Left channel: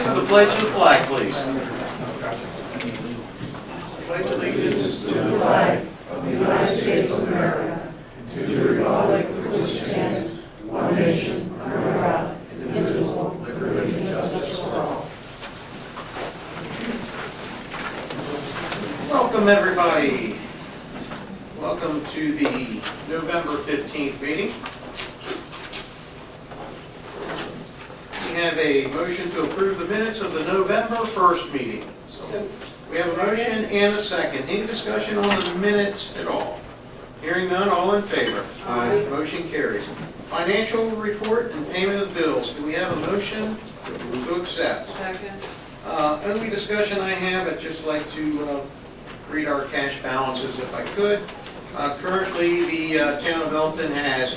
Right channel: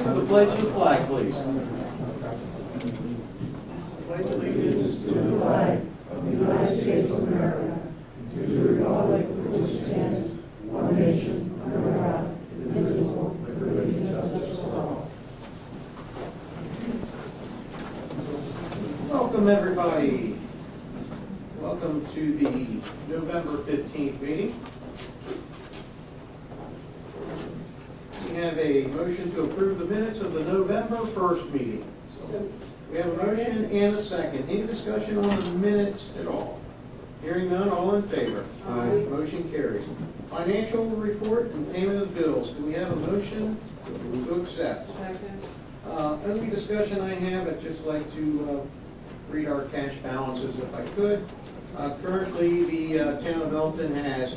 rise for the pledge of the flag, please. Pledge allegiance to the flag of the United States of America, to the republic for which it stands, one nation, under God, indivisible, with liberty and justice for all. Welcome, everybody. Welcome to the November 15th meeting. We have a motion to approve the minutes of the November 1st meeting. We have a motion and a second. Any discussion on the minutes at all? Hearing none, all in favor? Aye. Motion carries. Financial report and payment of bills. Do we have a motion to accept? Second. Only discussion I have, I'd just like to read our cash balances if I could. Currently, the town of Elkton has,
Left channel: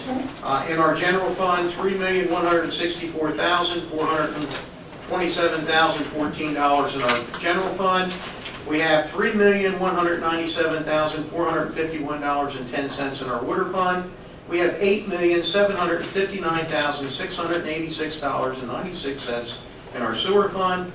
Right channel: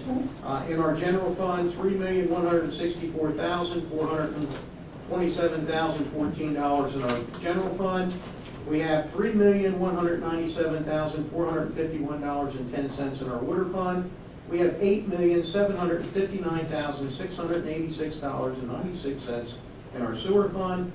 in our general fund, $3,164,427,014 in our general fund. We have $3,197,451.10 in our water fund. We have $8,759,686.96 in our sewer fund.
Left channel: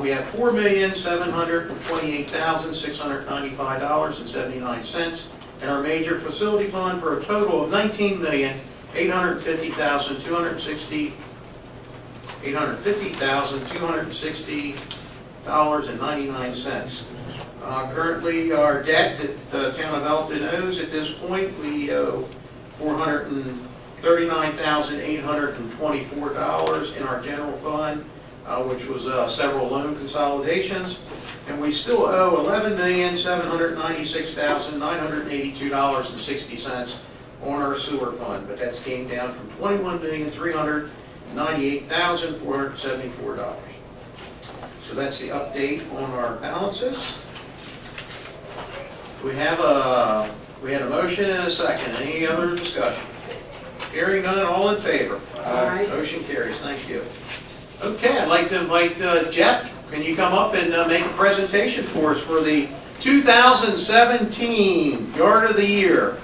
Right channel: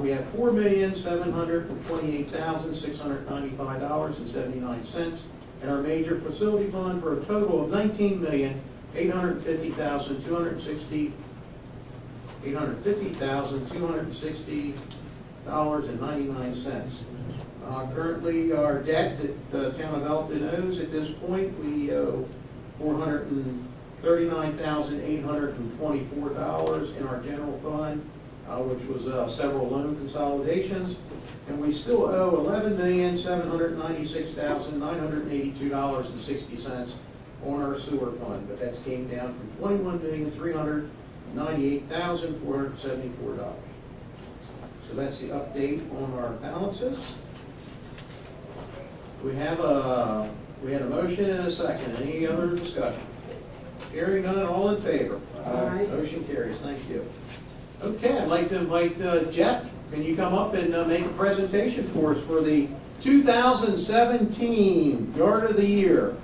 We have $4,728,695.79 in our major facility fund, for a total of $850,260. Currently, our debt that the town of Elkton owes at this point, we owe $439,824 in our general fund, which was several loan consolidations, and we still owe $11,796,982.60 on our sewer fund, but that's came down from $21,398,474. So that's the update on our balances. We had a motion and a second. Any other discussion? Hearing none, all in favor? Aye. Motion carries. Thank you. Okay, I'd like to invite Jeff. Can you come up and make a presentation for us for the 2017 Yard of the Year?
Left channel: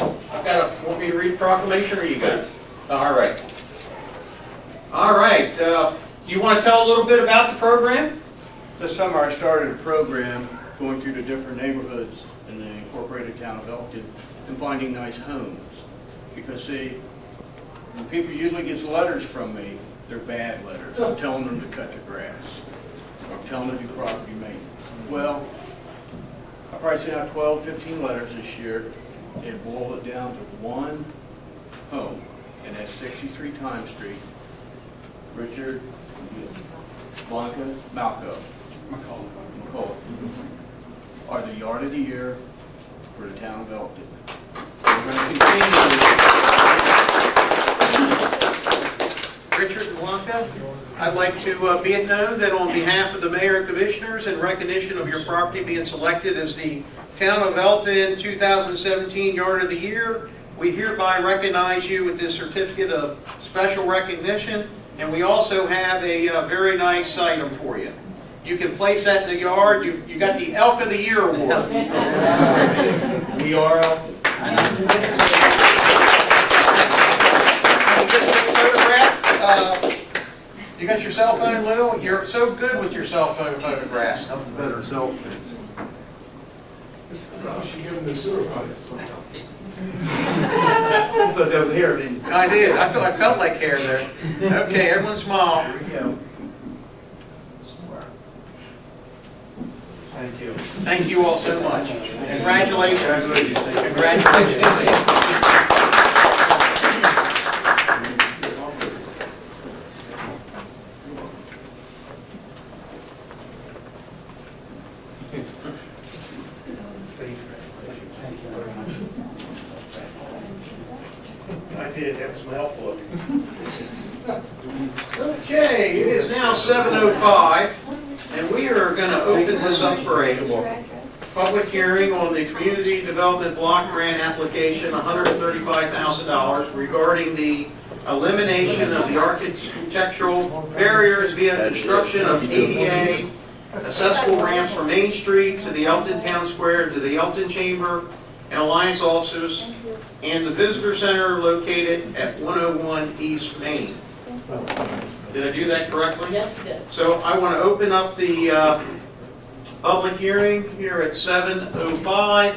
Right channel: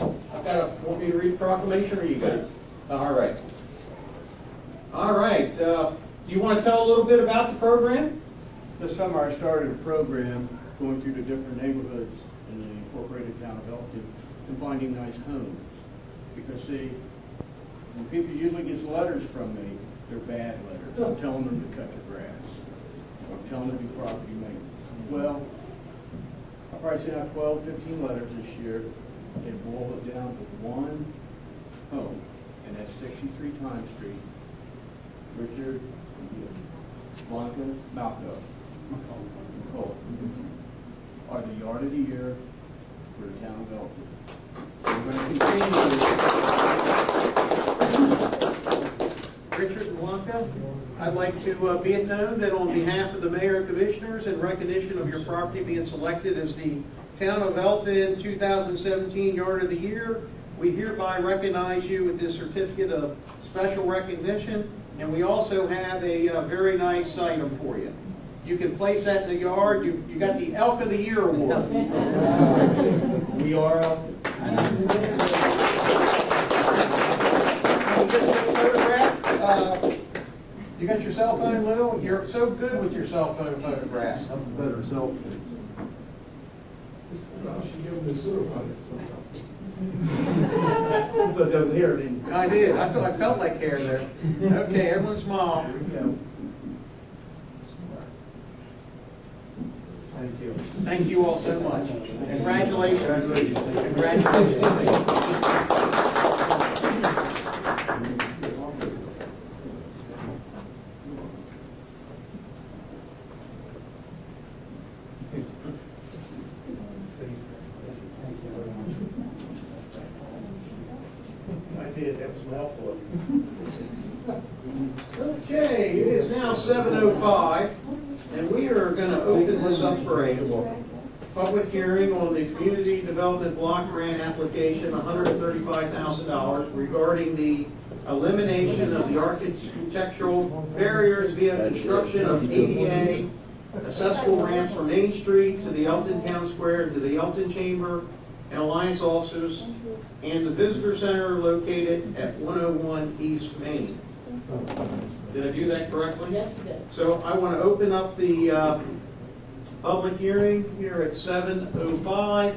Want me to read the proclamation, or are you good? All right. All right. Do you want to tell a little bit about the program? This summer I started a program going through the different neighborhoods in the incorporated town of Elkton and finding nice homes. Because see, when people usually get letters from me, they're bad letters. I'm telling them to cut the grass. I'm telling them to do property maintenance. Well, I probably sent out 12, 15 letters this year and boiled it down to one home, and that's 63 Time Street. Richard, Blanca, McCall are the Yard of the Year for the town of Elkton. We're going to continue. Richard and Blanca, I'd like to be it known that on behalf of the Mayor and Commissioners, in recognition of your property being selected as the Town of Elkton 2017 Yard of the Year, we hereby recognize you with this certificate of special recognition, and we also have a very nice item for you. You can place that in the yard. You got the Elk of the Year award. We are Elkton. You got your cell phone, Lou? You're so good with your cell phone photographs. Nothing better selfies. She gave him the sewer pipe. But that was here, didn't you? I did. I felt like hair there. Okay, everyone smile. Here we go. Thank you. Thank you all so much. Congratulations. Congratulations. Congratulations. I did. That was my help look. Okay, it is now 7:05, and we are going to open this up for a public hearing on the Community Development Block Grant application, $135,000, regarding the elimination of the architectural barriers via construction of ADA accessible ramps from Main Street to the Elkton Town Square to the Elkton Chamber and Alliance offices and the Visitor Center located at 101 East Main. Did I do that correctly? Yes, you did. So I want to open up the public hearing here at 7:05.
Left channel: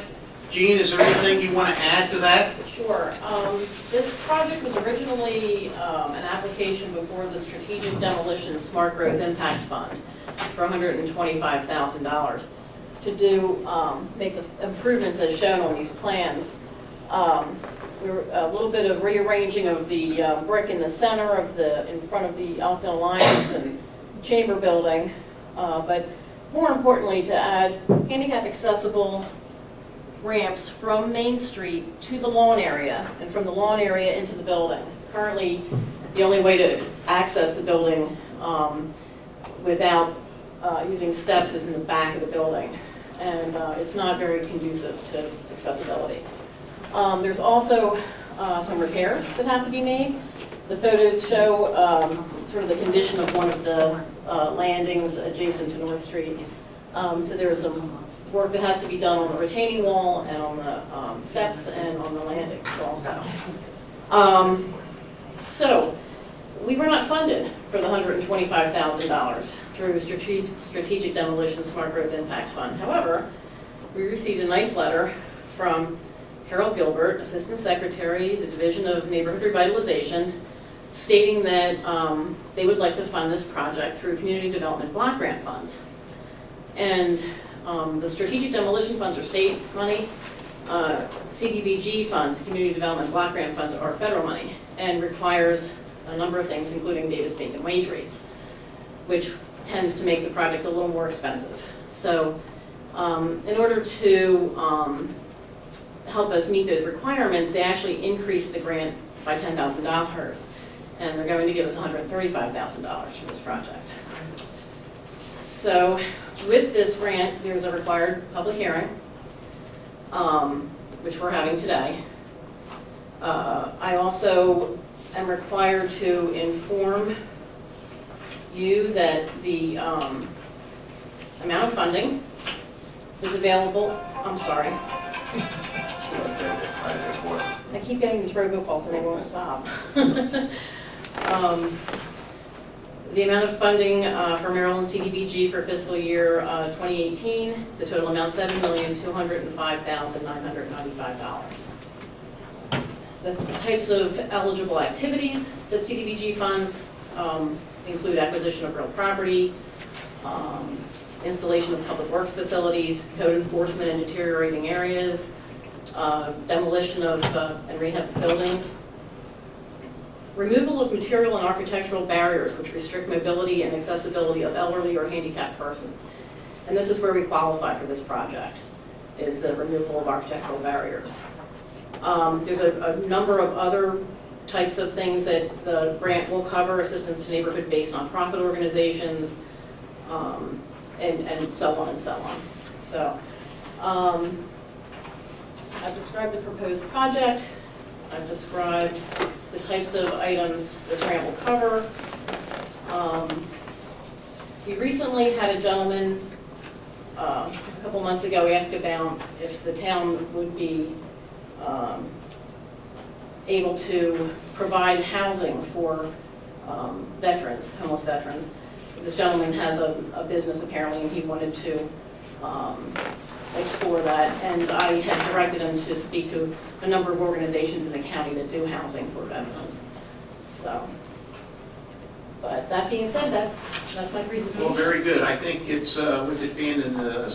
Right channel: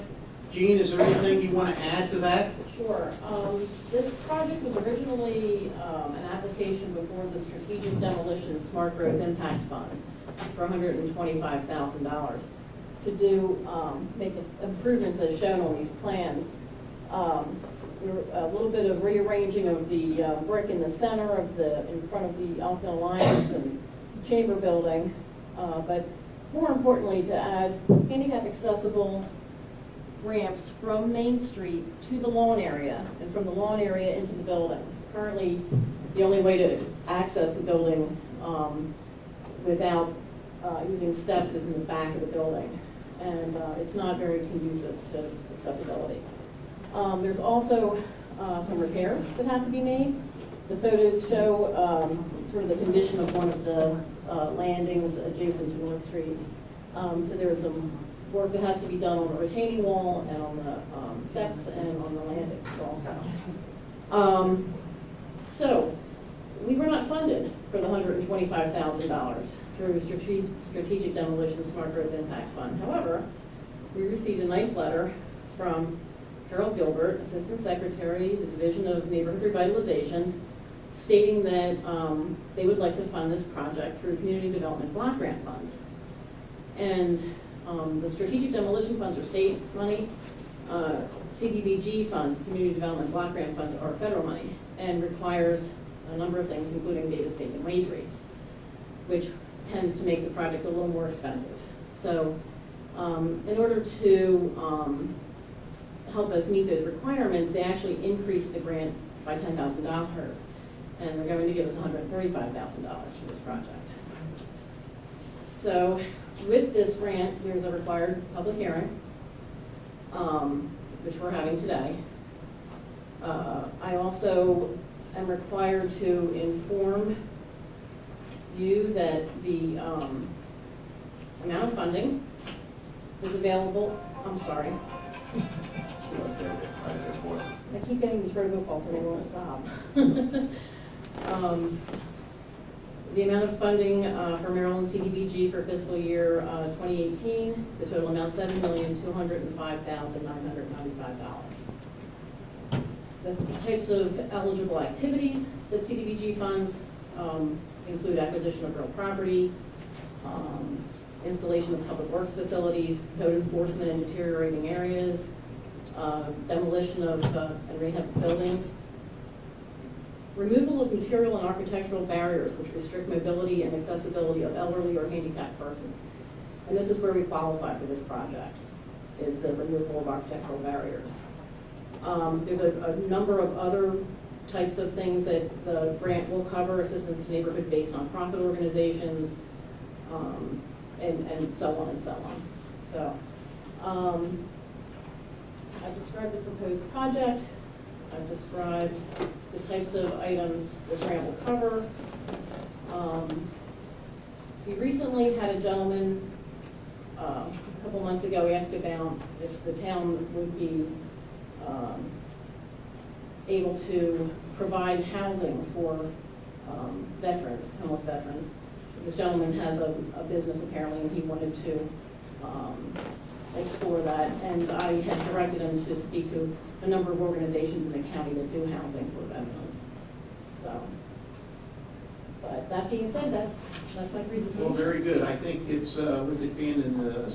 Jean, is there anything you want to add to that? Sure. This project was originally an application before the Strategic Demolition Smart Growth Impact Fund for $125,000 to do, make the improvements as shown on these plans. We were a little bit of rearranging of the brick in the center of in front of the Elkton Alliance and Chamber building, but more importantly to add handicap accessible ramps from Main Street to the lawn area and from the lawn area into the building. Currently, the only way to access the building without using steps is in the back of the building, and it's not very conducive to accessibility. There's also some repairs that have to be made. The photos show sort of the condition of one of the landings adjacent to North Street. So there's some work that has to be done on the retaining wall and on the steps and on the landings also. So we were not funded for the $125,000 through Strategic Demolition Smart Growth Impact Fund. However, we received a nice letter from Carol Gilbert, Assistant Secretary, the Division of Neighborhood Revitalization, stating that they would like to fund this project through Community Development Block Grant funds. And the Strategic Demolition funds are state money. CDBG funds, Community Development Block Grant funds, are federal money and requires a number of things, including Davis-Bacon wage rates, which tends to make the project a little more expensive. So in order to help us meet those requirements, they actually increased the grant by $10,000, and they're going to give us $135,000 for this project. So with this grant, there's a required public hearing, which we're having today. I also am required to inform you that the amount of funding is available. I'm sorry. I keep getting these robocalls and they won't stop. The amount of funding for Maryland CDBG for fiscal year 2018, the total amount $7,205,995. The types of eligible activities that CDBG funds include acquisition of real property, installation of public works facilities, code enforcement in deteriorating areas, demolition of and rehab of buildings, removal of material and architectural barriers which restrict mobility and accessibility of elderly or handicapped persons. And this is where we qualify for this project, is the removal of architectural barriers. There's a number of other types of things that the grant will cover: assistance to neighborhood-based nonprofit organizations, and so on and so on. So I've described the proposed project. I've described the types of items this grant will cover. We recently had a gentleman a couple months ago ask about if the town would be able to provide housing for veterans, homeless veterans. This gentleman has a business apparently, and he wanted to explore that, and I had directed him to speak to a number of organizations in the county that do housing for veterans. So, but that being said, that's my presentation. Well, very good. I think it's, with it being in the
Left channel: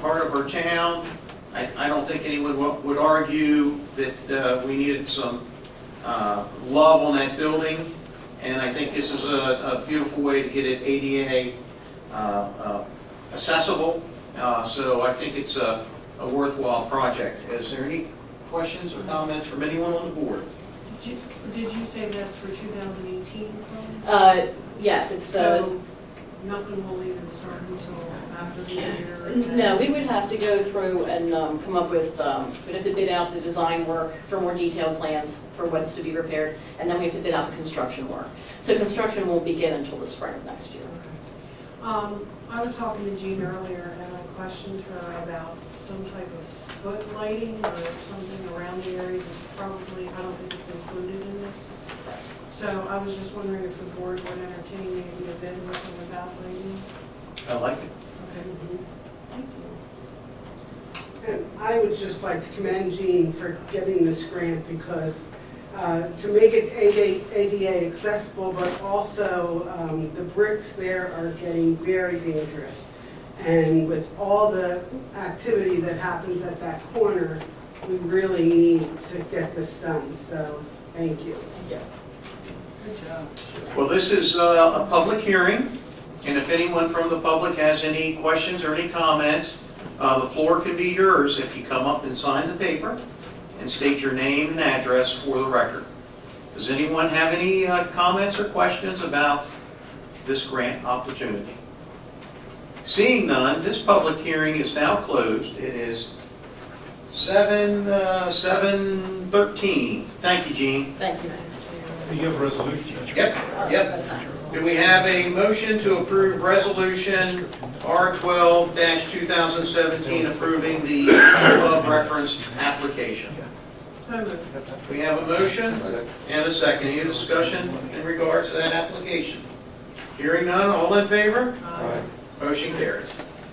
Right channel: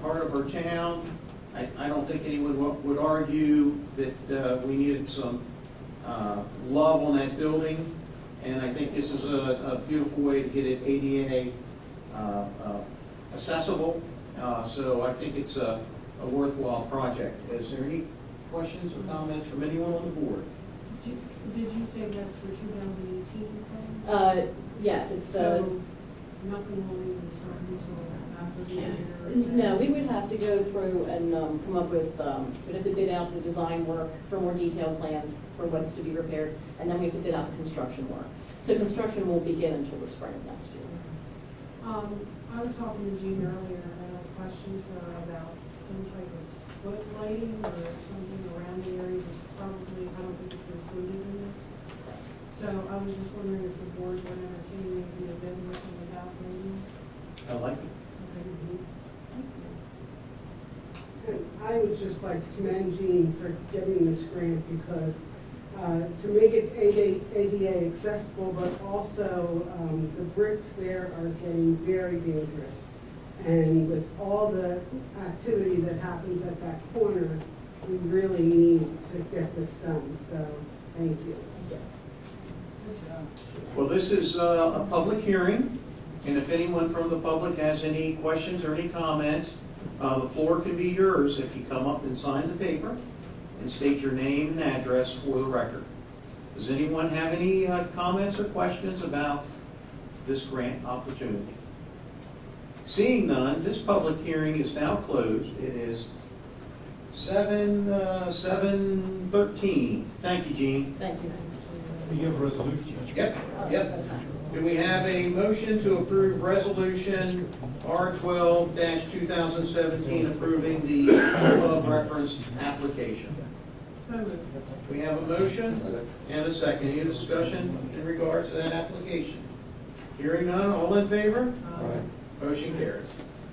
heart of our town, I don't think anyone would argue that we needed some love on that building, and I think this is a beautiful way to get it ADA accessible. So I think it's a worthwhile project. Is there any questions or comments from anyone on the board? Did you say that's for 2018? Yes, it's the. So nothing will even start until after the year? No, we would have to go through and come up with, we'd have to bid out the design work for more detailed plans for what's to be repaired, and then we have to bid out the construction work. So construction won't begin until the spring of next year. I was talking to Jean earlier, and I questioned her about some type of foot lighting or something around the area that's probably, I don't think it's included in this. So I was just wondering if the board would entertain maybe a bid looking about grading. I like it. Okay. Thank you. And I would just like to commend Jean for getting this grant because to make it ADA accessible, but also the bricks there are getting very dangerous. And with all the activity that happens at that corner, we really need to get this done. So, thank you. Thank you. Good job. Well, this is a public hearing, and if anyone from the public has any questions or any comments, the floor can be yours if you come up and sign the paper and state your name and address for the record. Does anyone have any comments or questions about this grant opportunity? Seeing none, this public hearing is now closed. It is 7:13. Thank you, Jean. Thank you. You have a resolution. Yep, yep. Do we have a motion to approve resolution R12-2017 approving the above referenced application? So moved. We have a motion and a second. Any discussion in regards to that application? Hearing none, all in favor? Motion carries.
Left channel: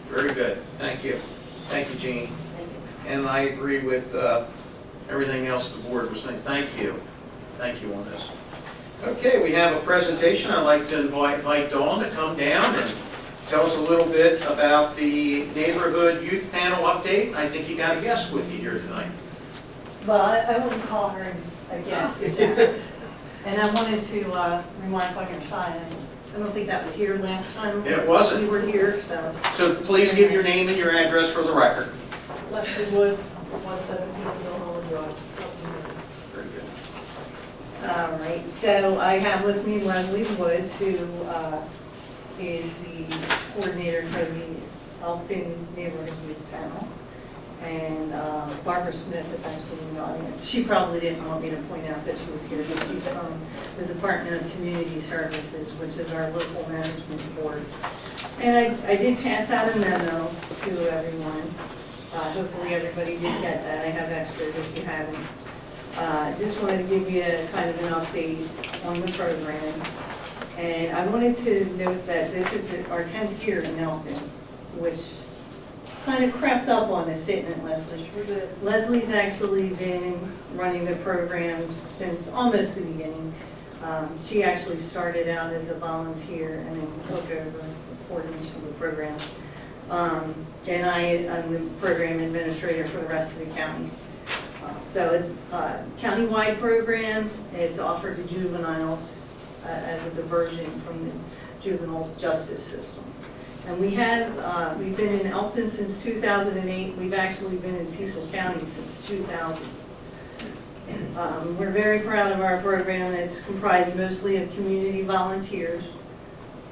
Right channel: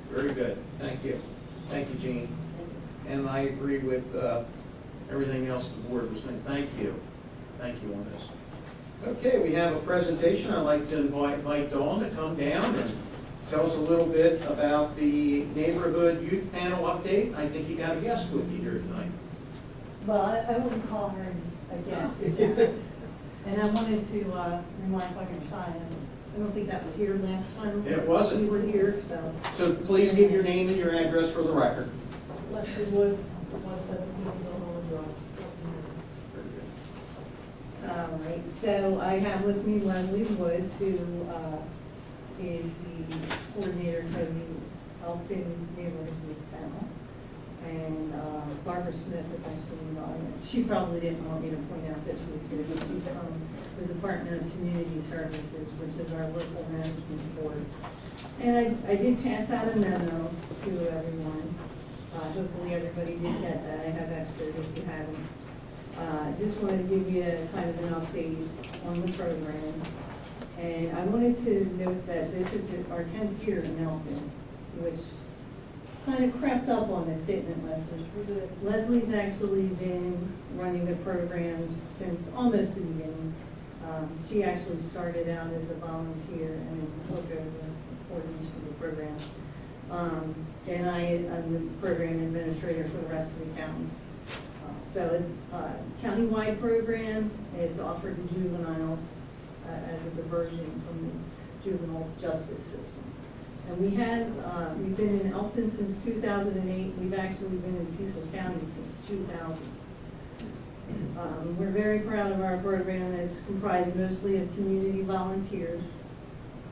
Very good. Thank you. Thank you, Jean. Thank you. And I agree with everything else the board was saying. Thank you. Thank you on this. Okay, we have a presentation. I'd like to invite Dawn to come down and tell us a little bit about the neighborhood youth panel update. I think you got a guest with you here tonight. Well, I wouldn't call her a guest. And I wanted to remark on your sign. I don't think that was here last time. It wasn't. We were here, so. So please give your name and your address for the record. Leslie Woods, 117 Hollywood Drive. Very good. All right, so I have with me Leslie Woods, who is the coordinator for the Elkton Neighborhood Youth Panel. And Barbara Smith is actually in the audience. She probably didn't want me to point out that she was here, but she's from the Department of Community Services, which is our local management board. And I did pass out a memo to everyone. Hopefully everybody did get that. I have extras if you haven't. Just wanted to give you a kind of an update on the program. And I wanted to note that this is our 10th year in Elkton, which kind of crept up on us, didn't it, Leslie? Leslie's actually been running the program since almost the beginning. She actually started out as a volunteer and then took over the coordination of the program. And I'm the program administrator for the rest of the county. So it's a county-wide program. It's offered to juveniles as a diversion from the juvenile justice system. And we've been in Elkton since 2008. We've actually been in Cecil County since 2000. We're very proud of our program. It's comprised mostly of community volunteers.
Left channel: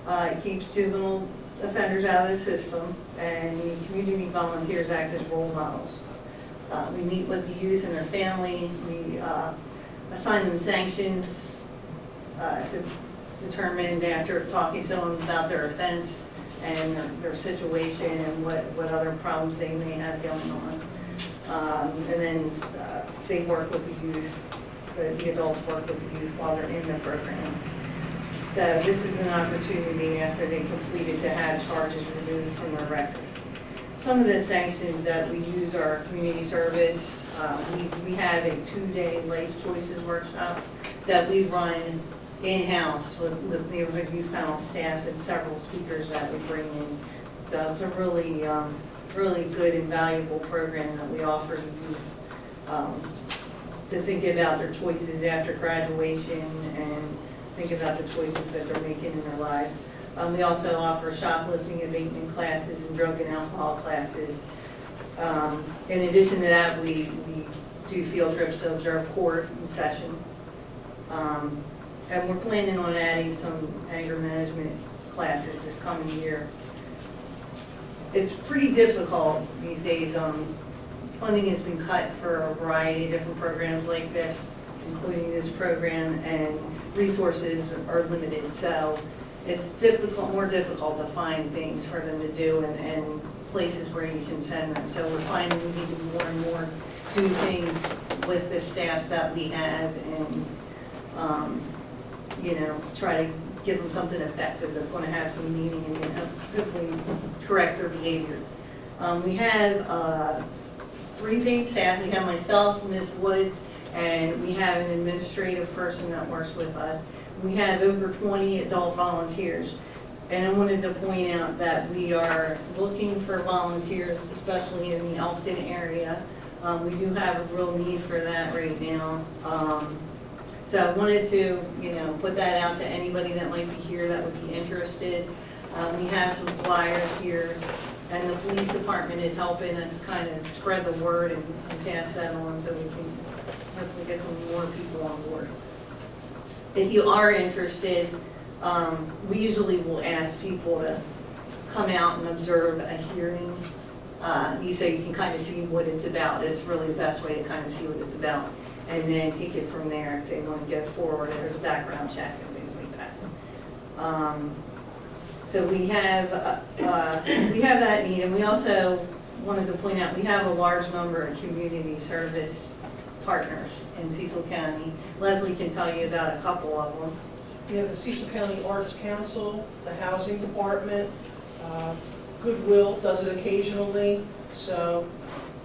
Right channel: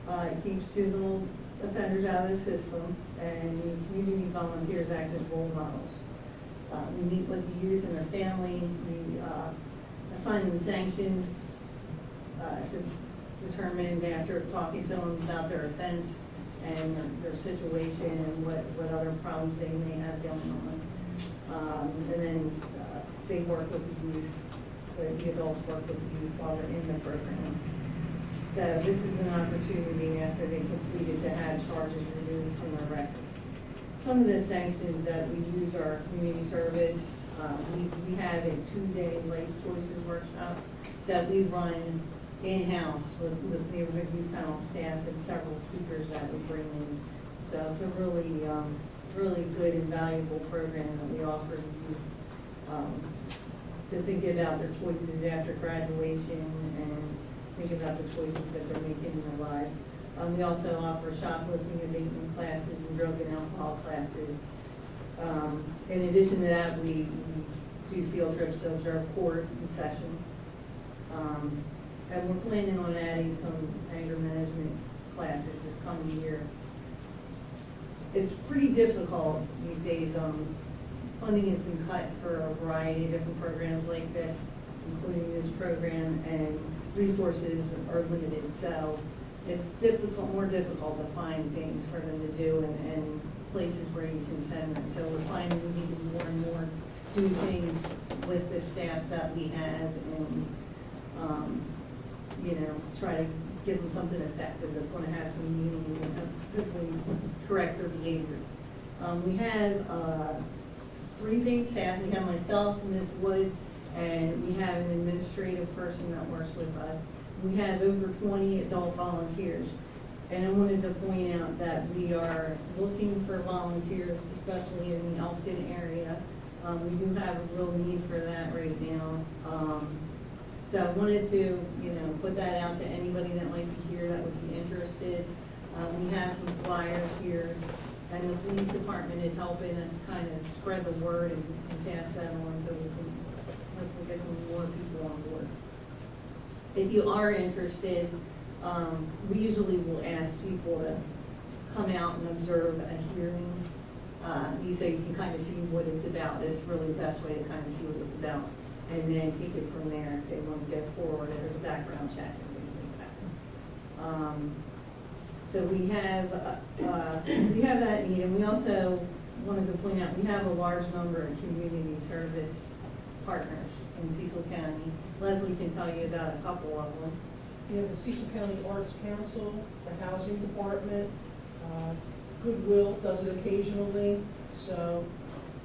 It keeps juvenile offenders out of the system, and the community volunteers act as role models. We meet with the youth and their family. We assign them sanctions determined after talking to them about their offense and their situation and what other problems they may have going on. And then they work with the youth, the adults work with the youth while they're in the program. So this is an opportunity after they complete it to have charges removed from their record. Some of the sanctions that we use are community service. We have a 2-day life choices workshop that we run in-house with neighborhood youth panel staff and several speakers that we bring in. So it's a really, really good and valuable program that we offer to youth to think about their choices after graduation and think about the choices that they're making in their lives. We also offer shoplifting abatement classes and drug and alcohol classes. In addition to that, we do field trips to observe court in session. And we're planning on adding some anger management classes this coming year. It's pretty difficult these days. Funding has been cut for a variety of different programs like this, including this program, and resources are limited. So it's difficult, more difficult to find things for them to do and places where you can send them. So we're finding we need to more and more do things with the staff that we have and try to give them something effective that's going to have some meaning and hopefully correct their behavior. We have 3 paid staff. We have myself, Ms. Woods, and we have an administrative person that works with us. We have over 20 adult volunteers. And I wanted to point out that we are looking for volunteers, especially in the Elkton area. We do have a real need for that right now. So I wanted to, put that out to anybody that might be here that would be interested. We have some flyers here, and the police department is helping us kind of spread the word and pass that on so we can hopefully get some more people on board. If you are interested, we usually will ask people to come out and observe a hearing. So you can kind of see what it's about. It's really the best way to kind of see what it's about. And then take it from there if they want to go forward. There's a background check and things like that. So we have that need, and we also wanted to point out we have a large number of community service partners in Cecil County. Leslie can tell you about a couple of them. We have the Cecil County Arts Council, the Housing Department, Goodwill does it occasionally, so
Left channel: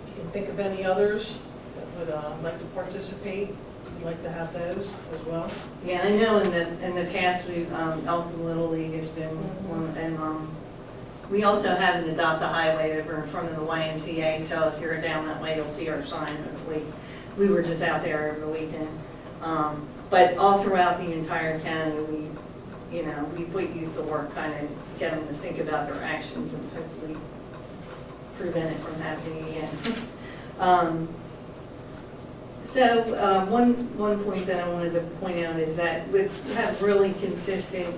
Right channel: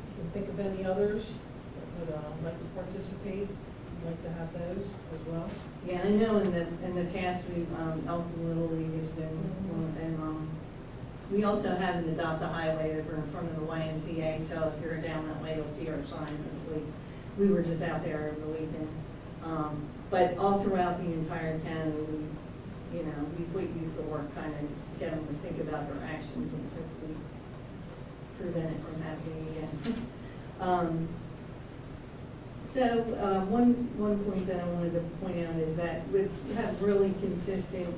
if you can think of any others that would like to participate, we'd like to have those as well. Yeah, I know in the past, we've, Elkton Little League has been one, and we also have an Adopt a Highway over in front of the YMCA, so if you're down that way, you'll see our sign, hopefully. We were just out there over the weekend. But all throughout the entire county, we put youth to work, kind of get them to think about their actions and hopefully prevent it from happening again. So one point that I wanted to point out is that we have really consistent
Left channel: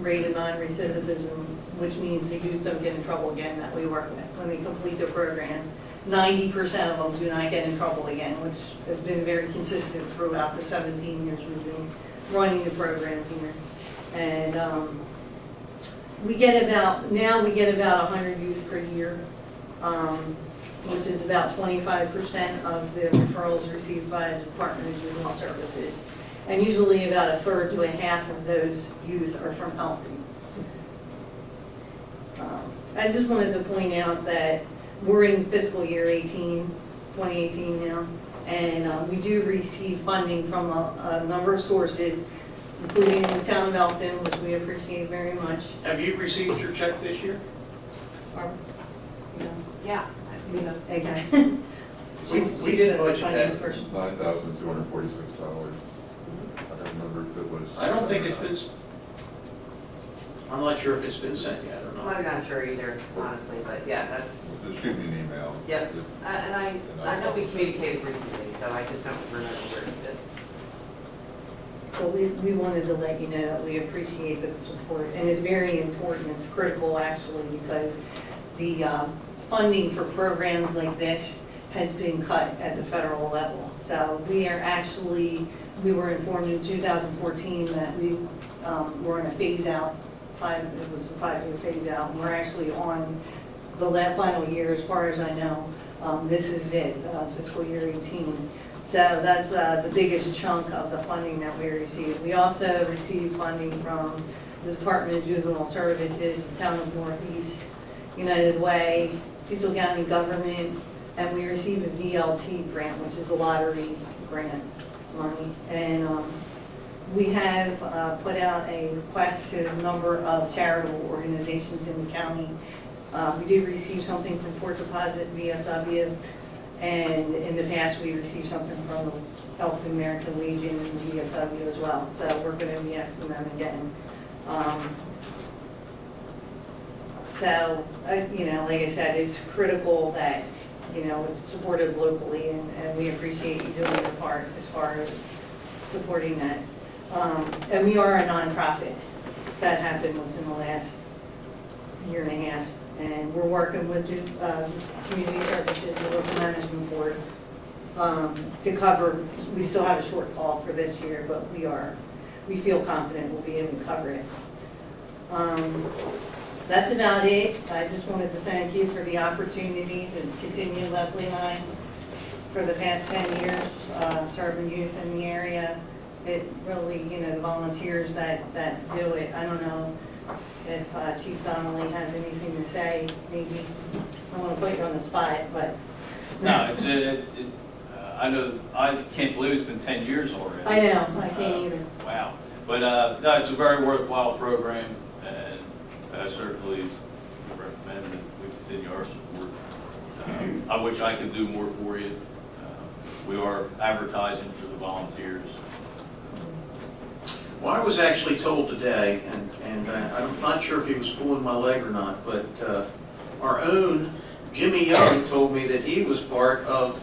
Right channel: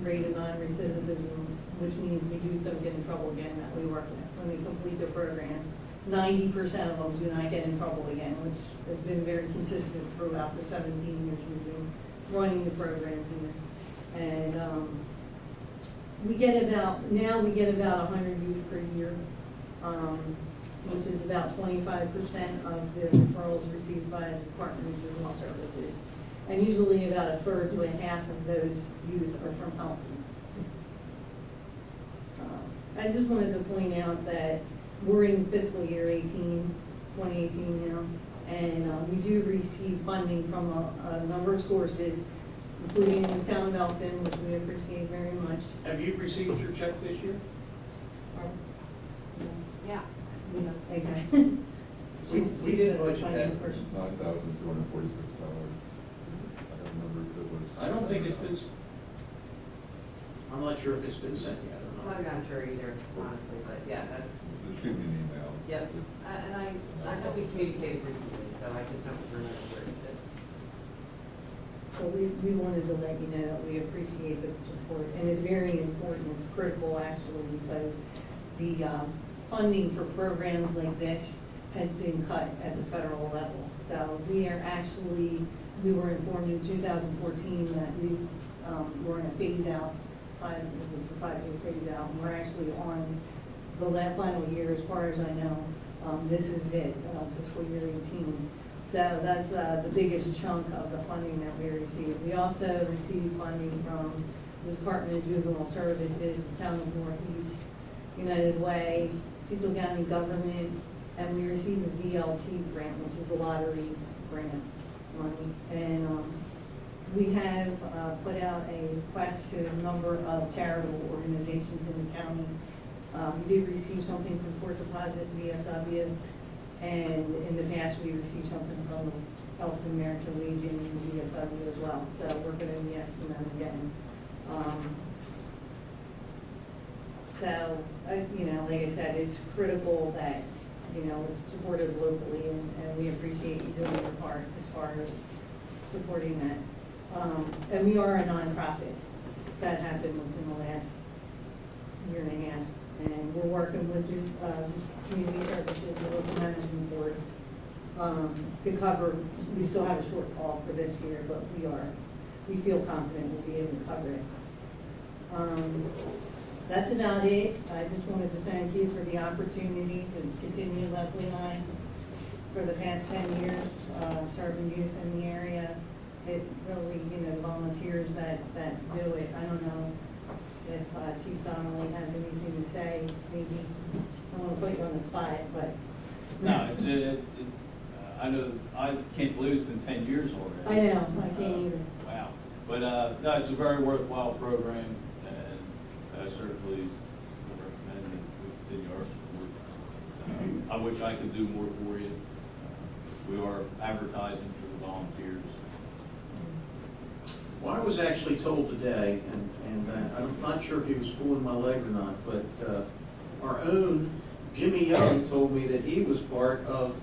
rate of non-recidivism, which means the youth don't get in trouble again that we work with when they complete the program. 90% of them do not get in trouble again, which has been very consistent throughout the 17 years we've been running the program here. And we get about 100 youth per year, which is about 25% of the referrals received by the Department of Juvenile Services. And usually about a third to a half of those youth are from Elkton. I just wanted to point out that we're in fiscal year 2018 now, and we do receive funding from a number of sources, including the town of Elkton, which we appreciate very much. Have you received your check this year? Yeah. Okay. We did budget that. $9,246. I don't remember if it was. I don't think it's been, I'm not sure if it's been sent yet or not. I'm not sure either, honestly, but yeah, that's, Just shoot me an email. yep. And I know we communicated recently, so I just don't remember where it's been. So we wanted to let you know that we appreciate the support, and it's very important, it's critical actually, because the funding for programs like this has been cut at the federal level. So we were informed in 2014 that we were in a phase out, it was a 5-year phase out, and we're actually on the final year as far as I know. This is it, fiscal year 18. So that's the biggest chunk of the funding that we receive. We also receive funding from the Department of Juvenile Services, the Town of Northeast, United Way, Cecil County Government, and we receive a DLT grant, which is a lottery grant money. And we have put out a request to a number of charitable organizations in the county. We did receive something from Port Deposit VFW, and in the past we received something from the Elkton American Legion and the VFW as well. So we're going to be asking them again. So, like I said, it's critical that, it's supported locally, and we appreciate you doing your part as far as supporting that. And we are a nonprofit. That happened within the last year and a half. And we're working with Community Services, the Local Management Board, to cover, we still have a shortfall for this year, but we feel confident we'll be able to cover it. That's about it. I just wanted to thank you for the opportunity to continue, Leslie and I, for the past 10 years, serving youth in the area. it really, the volunteers that do it. I don't know if Chief Donnelly has anything to say, maybe. I don't want to put you on the spot, but. No, I know, I can't believe it's been 10 years already. I know, I can't either. Wow. But, no, it's a very worthwhile program, and I certainly recommend that we continue our support. I wish I could do more for you. We are advertising for the volunteers. Well, I was actually told today, and I'm not sure if he was pulling my leg or not, but our own Jimmy Young told me that he was part of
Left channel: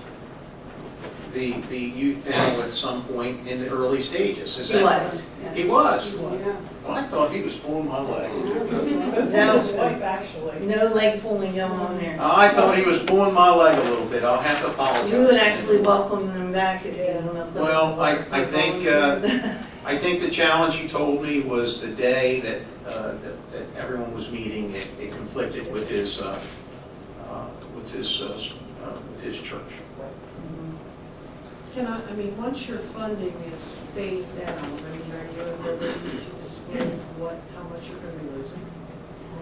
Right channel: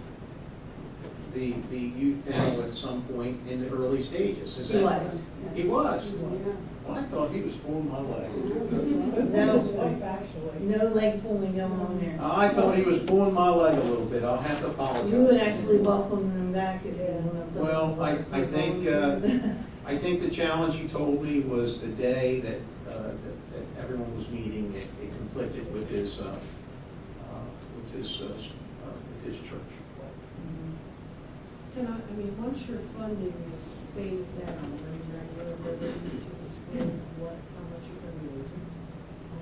the youth panel at some point in the early stages. Is He that was. He was? Yeah. Well, I thought he was pulling my leg. That was wife, actually. No leg pulling going on there. I thought he was pulling my leg a little bit. I'll have to apologize. You would actually welcome them back if you want to. Well, I think the challenge he told me was the day that everyone was meeting, it conflicted with his church. Once your funding is phased out, are you at liberty to disclose how much you're going to be losing?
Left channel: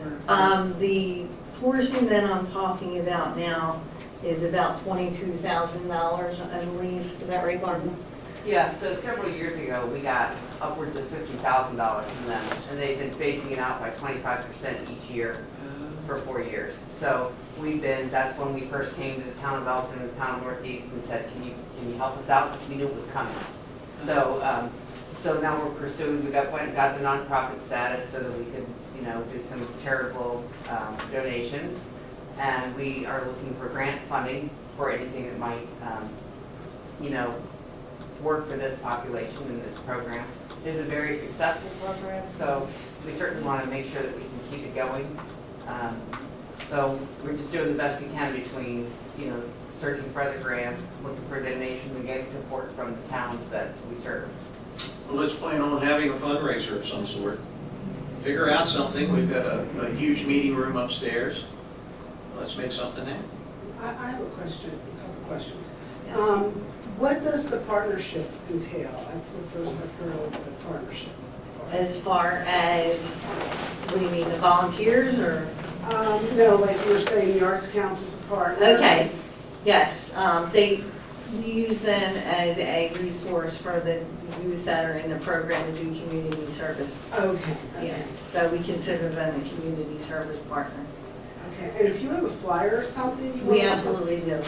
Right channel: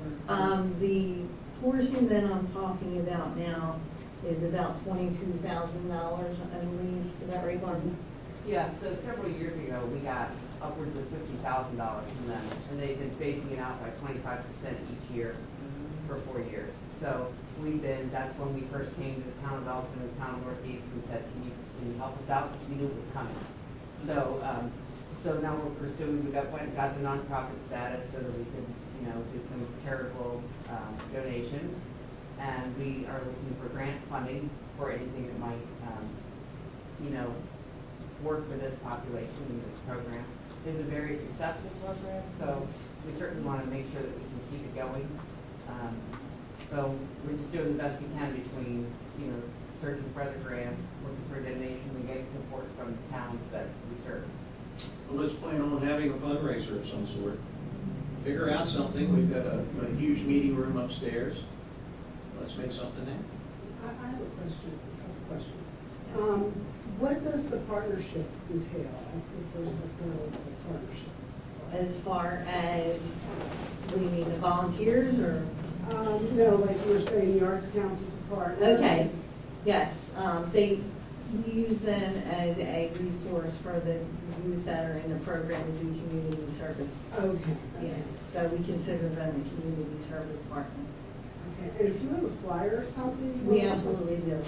Or- The portion that I'm talking about now is about $22,000, I believe. Is that right, Martin? Yeah, so several years ago, we got upwards of $50,000 from them, and they've been phasing it out by 25% each year for 4 years. So that's when we first came to the town of Elkton and the town of Northeast and said, can you help us out? Because we knew it was coming. So now we're pursuing, we got the nonprofit status so that we could, do some charitable donations. And we are looking for grant funding for anything that might, work for this population in this program. It is a very successful program, so we certainly want to make sure that we can keep it going. So we're just doing the best we can between, searching for other grants, looking for donations, and getting support from the towns that we serve. Well, let's plan on having a fundraiser of some sort. Figure out something. We've got a huge meeting room upstairs. Let's make something happen. I have a question, a couple questions. What does the partnership entail? That's the first I've heard of the partnership. As far as, what do you mean, the volunteers or? No, like you were saying, the Arts Council's a partner. Okay, yes, we use them as a resource for the youth that are in the program to do community service. Okay. Yeah, so we consider them a community service partner. Okay, and if you have a flyer or something? you We want- absolutely do.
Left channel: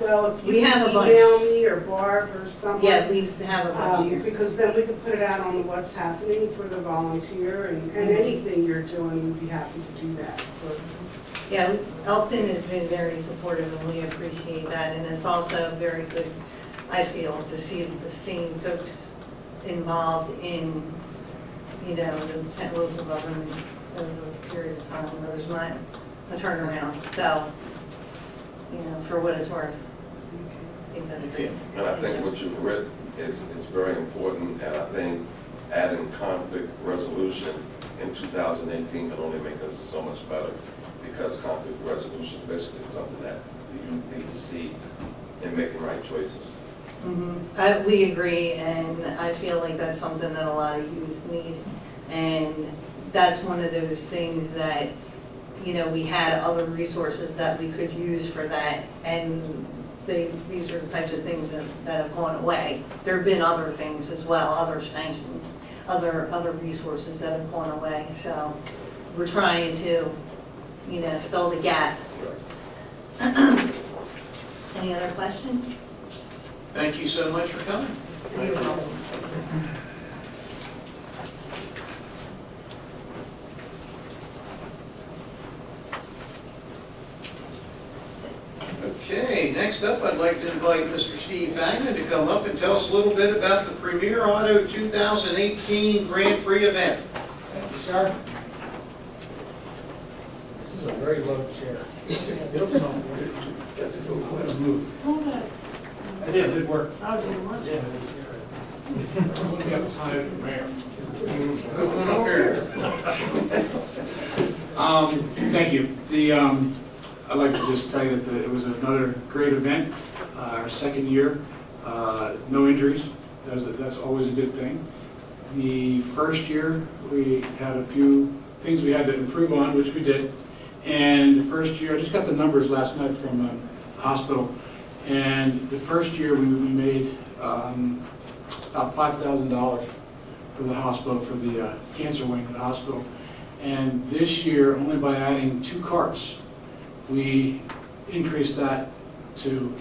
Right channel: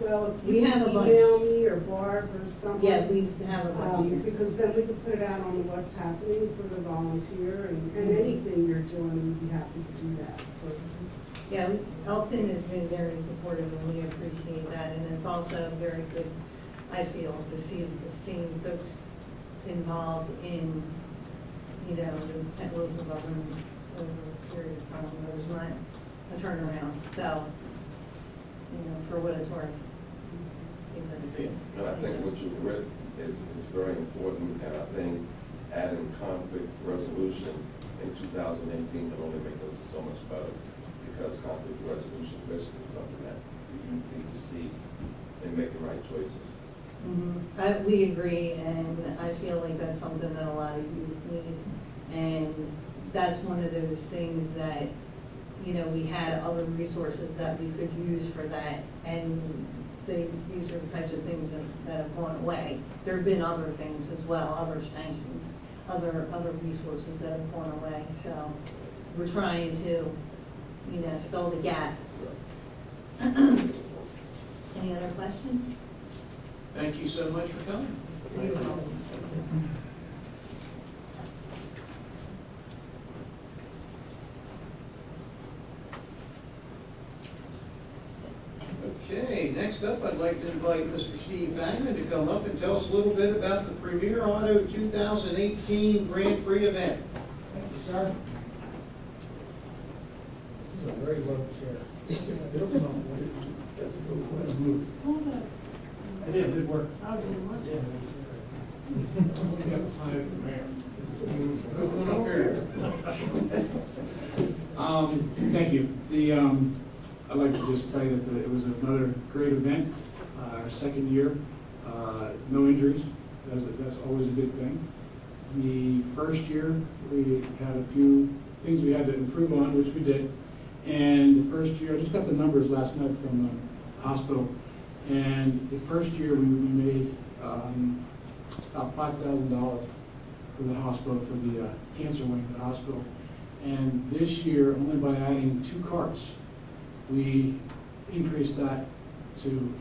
Well, if We you have can a bunch. email me or Barb or someone. Yeah, we have a bunch here. Because then we could put it out on the what's happening for the volunteer and anything you're doing, we'd be happy to do that. Yeah, Elkton has been very supportive and we appreciate that. And it's also very good, I feel, to see the same folks involved in, the local government over a period of time where there's not a turnaround. So, for what it's worth, I think that's great. And I think what you've written is very important, and I think adding conflict resolution in 2018 can only make us so much better, because conflict resolution is basically something that you need to see in making right choices. We agree, and I feel like that's something that a lot of youth need. And that's one of those things that, we had other resources that we could use for that, and these are the types of things that have gone away. There have been other things as well, other sanctions, other resources that have gone away. So we're trying to, fill the gap. Any other questions? Thank you so much for coming. You're welcome. Okay, next up, I'd like to invite Mr. Steve Fagnan to come up and tell us a little bit about the Premier Auto 2018 Grand Prix event. Thank you, sir. This is a very low chair. Built something. Got to go quite a move. I did, good work. Yeah. Looking up as high as the mayor. Thank you. I'd like to just tell you that it was another great event, our second year, no injuries, That's always a good thing. The first year, we had a few things we had to improve on, which we did. And the first year, I just got the numbers last night from the hospital. And the first year, we made about $5,000 for the hospital, for the cancer wing of the hospital. And this year, only by adding 2 carts, we increased that to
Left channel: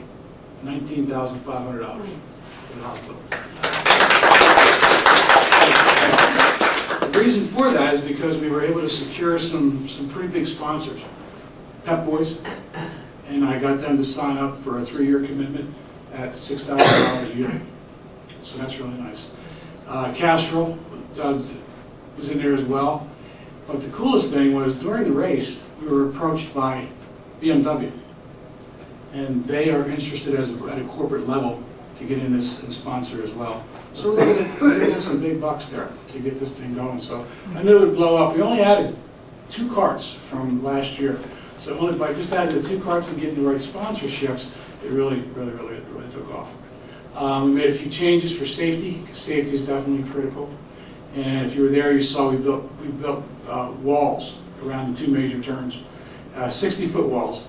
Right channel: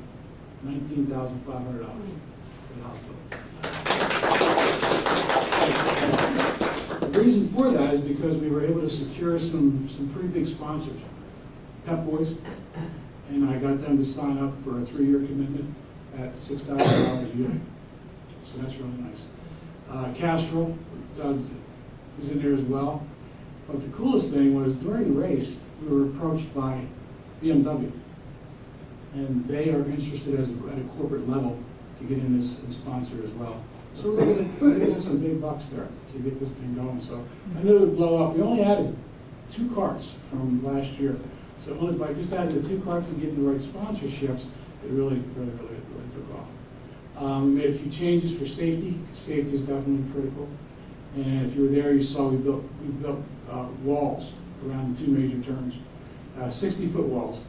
$19,500 for the hospital. The reason for that is because we were able to secure some pretty big sponsors. Pep Boys, and I got them to sign up for a 3-year commitment at $6,000 a year. So that's really nice. Castrol was in there as well. But the coolest thing was during the race, we were approached by BMW. And they are interested at a corporate level to get in this and sponsor as well. So we're looking at some big bucks there to get this thing going. So I knew it would blow up. We only added 2 carts from last year. So only by just adding the 2 carts and getting the right sponsorships, it really took off. We made a few changes for safety, because safety is definitely critical. And if you were there, you saw we built walls around the 2 major turns, 60-foot walls.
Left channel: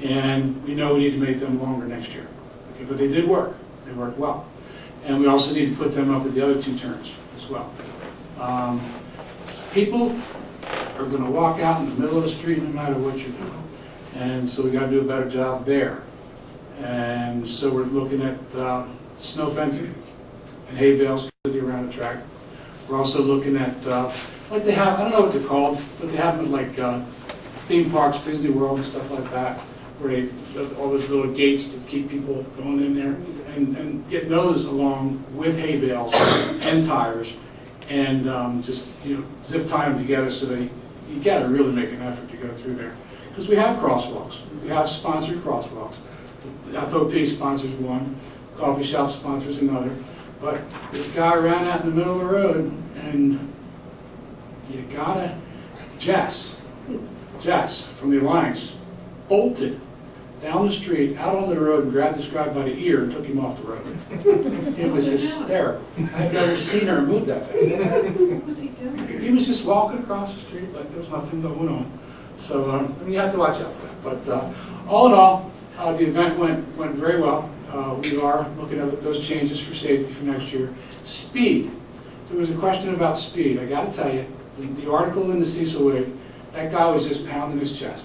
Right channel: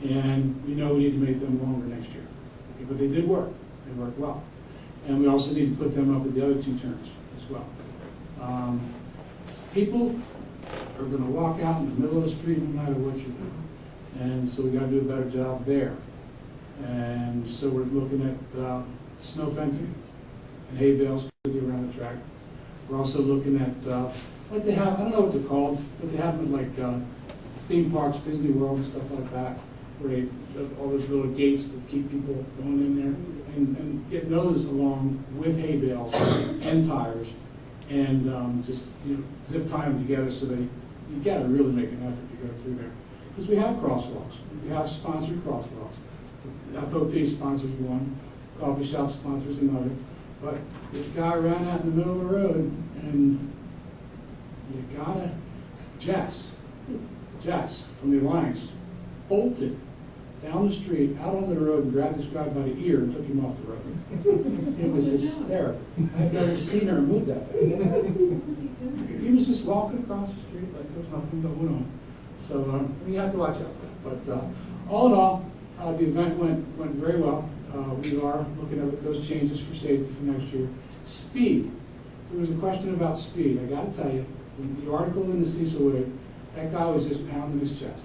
And we know we need to make them longer next year. Okay, but they did work. They worked well. And we also need to put them up at the other 2 turns as well. People are going to walk out in the middle of the street no matter what you're doing. And so we got to do a better job there. And so we're looking at snow fencing and hay bales around the track. We're also looking at, like they have, I don't know what they're called, but they have them at like theme parks, Disney World and stuff like that, where they all those little gates to keep people going in there, and get those along with hay bales and tires, and just zip tie them together so that you got to really make an effort to go through there, because we have crosswalks, we have sponsored crosswalks. The FOP sponsors one, coffee shop sponsors another, but this guy ran out in the middle of the road, and you gotta, Jess from the Alliance bolted down the street, out on the road, and grabbed this guy by the ear and took him off the road. It was hysterical. I've never seen her move that fast. What was he doing? He was just walking across the street like there was nothing going on. So you have to watch out for that. But all in all, the event went very well. We are looking at those changes for safety for next year. Speed. There was a question about speed. I got to tell you, the article in the Cecil Wig, that guy was just pounding his chest.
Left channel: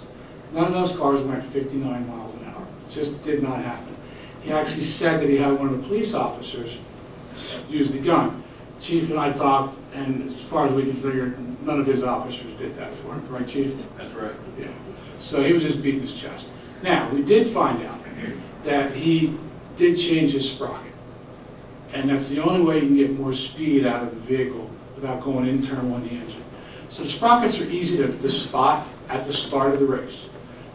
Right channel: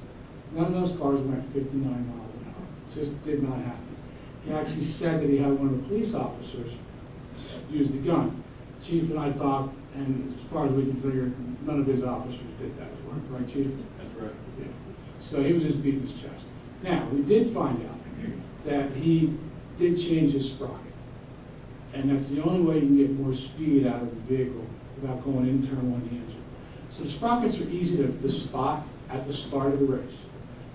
None of those cars went 59 miles an hour. It just did not happen. He actually said that he had one of the police officers use the gun. Chief and I talked, and as far as we can figure, none of his officers did that for him. Right, Chief? That's right. Yeah. So he was just beating his chest. Now, we did find out that he did change his sprocket. And that's the only way you can get more speed out of the vehicle without going internal on the engine. So sprockets are easy to spot at the start of the race.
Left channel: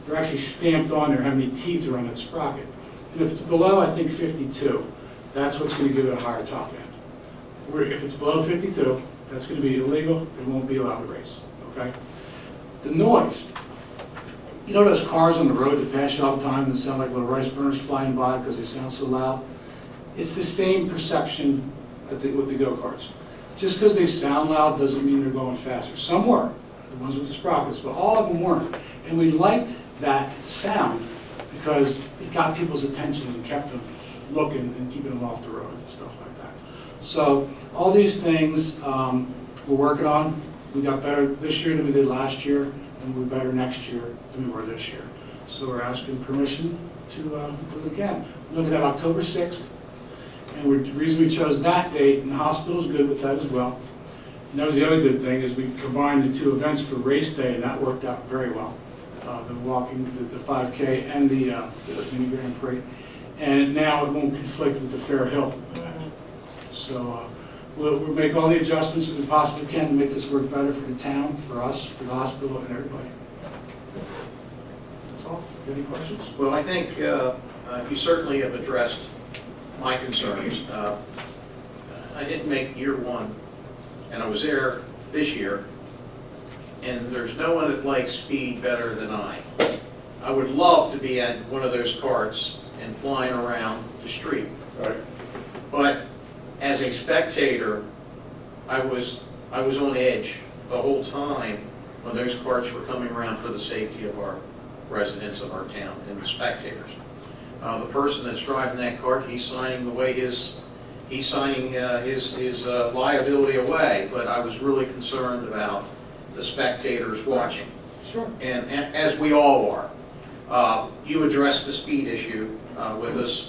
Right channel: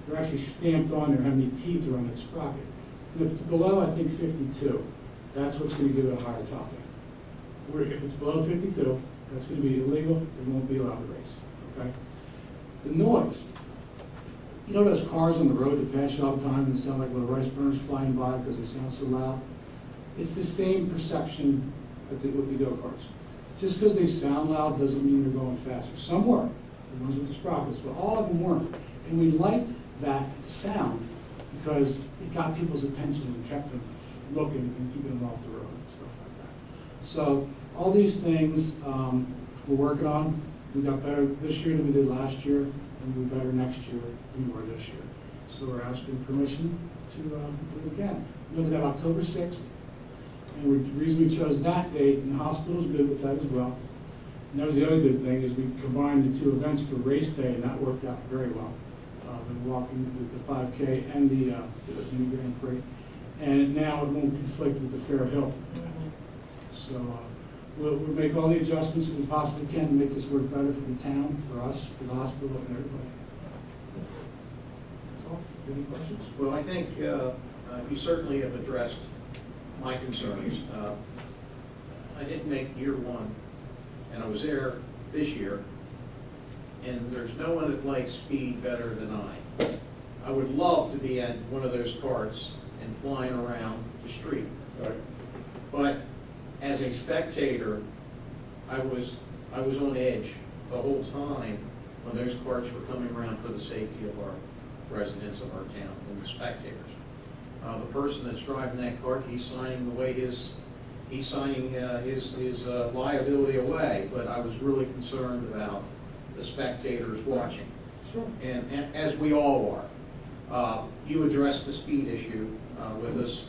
They're actually stamped on there how many teeth are on that sprocket. And if it's below, I think, 52, that's what's going to give it a higher top end. If it's below 52, that's going to be illegal. It won't be allowed to race. Okay? The noise. You know those cars on the road that pass you all the time that sound like little rice burners flying by because they sound so loud? It's the same perception with the go-karts. Just because they sound loud doesn't mean they're going faster. Some were, the ones with the sprockets, but all of them weren't. And we liked that sound because it got people's attention and kept them looking and keeping them off the road and stuff like that. So all these things we're working on. We got better this year than we did last year, and we're better next year than we were this year. So we're asking permission to look again. We're looking at October 6th. And the reason we chose that date, and the hospital's good with that as well. And that was the other good thing, is we combined the 2 events for race day, and that worked out very well. The walking, the 5K, and the mini Grand Prix. And now it won't conflict with the Fair Hill. So we'll make all the adjustments that we possibly can to make this work better for the town, for us, for the hospital, and everybody. That's all. Any questions? Well, I think you certainly have addressed my concerns. I didn't make year 1, and I was there this year, and there's no one that likes speed better than I. I would love to be at one of those carts and flying around the street. Right. But as a spectator, I was on edge the whole time when those carts were coming around for the safety of our residents of our town and the spectators. The person that's driving that cart, he's signing his liability away, but I was really concerned about the spectators watching. Sure. And as we all are. You addressed the speed issue with us.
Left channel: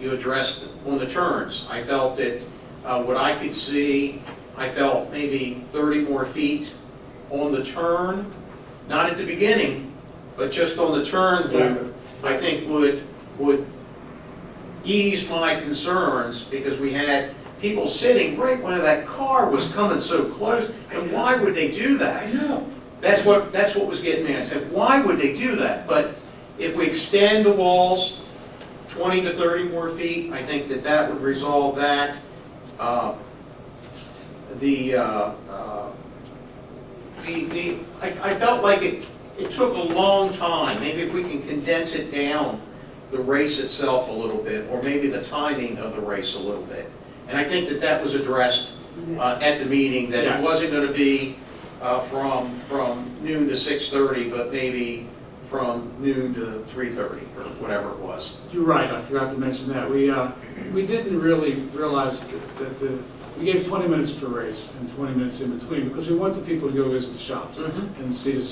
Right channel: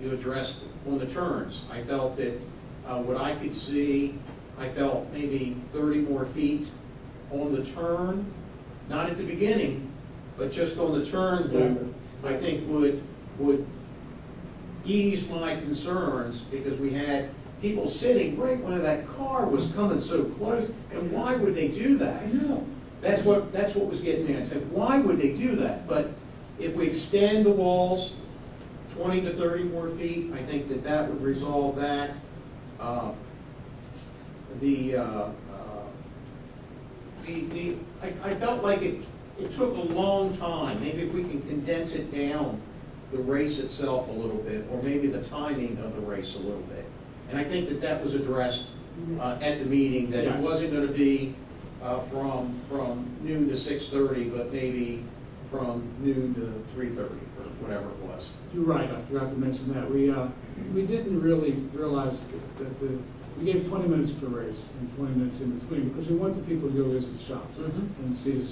You addressed on the turns. I felt that what I could see, I felt maybe 30 more feet on the turn, not at the beginning, but just on the turn loop, I think would ease my concerns, because we had people sitting right when that car was coming so close, and why would they do that? I know. That's what was getting me. I said, why would they do that? But if we extend the walls 20 to 30 more feet, I think that would resolve that. I felt like it took a long time. Maybe if we can condense it down, the race itself a little bit, or maybe the timing of the race a little bit. And I think that was addressed at the meeting, that it wasn't going to be from noon to 6:30, but maybe from noon to 3:30, or whatever it was. You're right, I forgot to mention that. We didn't really realize that we gave 20 minutes per race and 20 minutes in between, because we want the people to go visit the shops and see the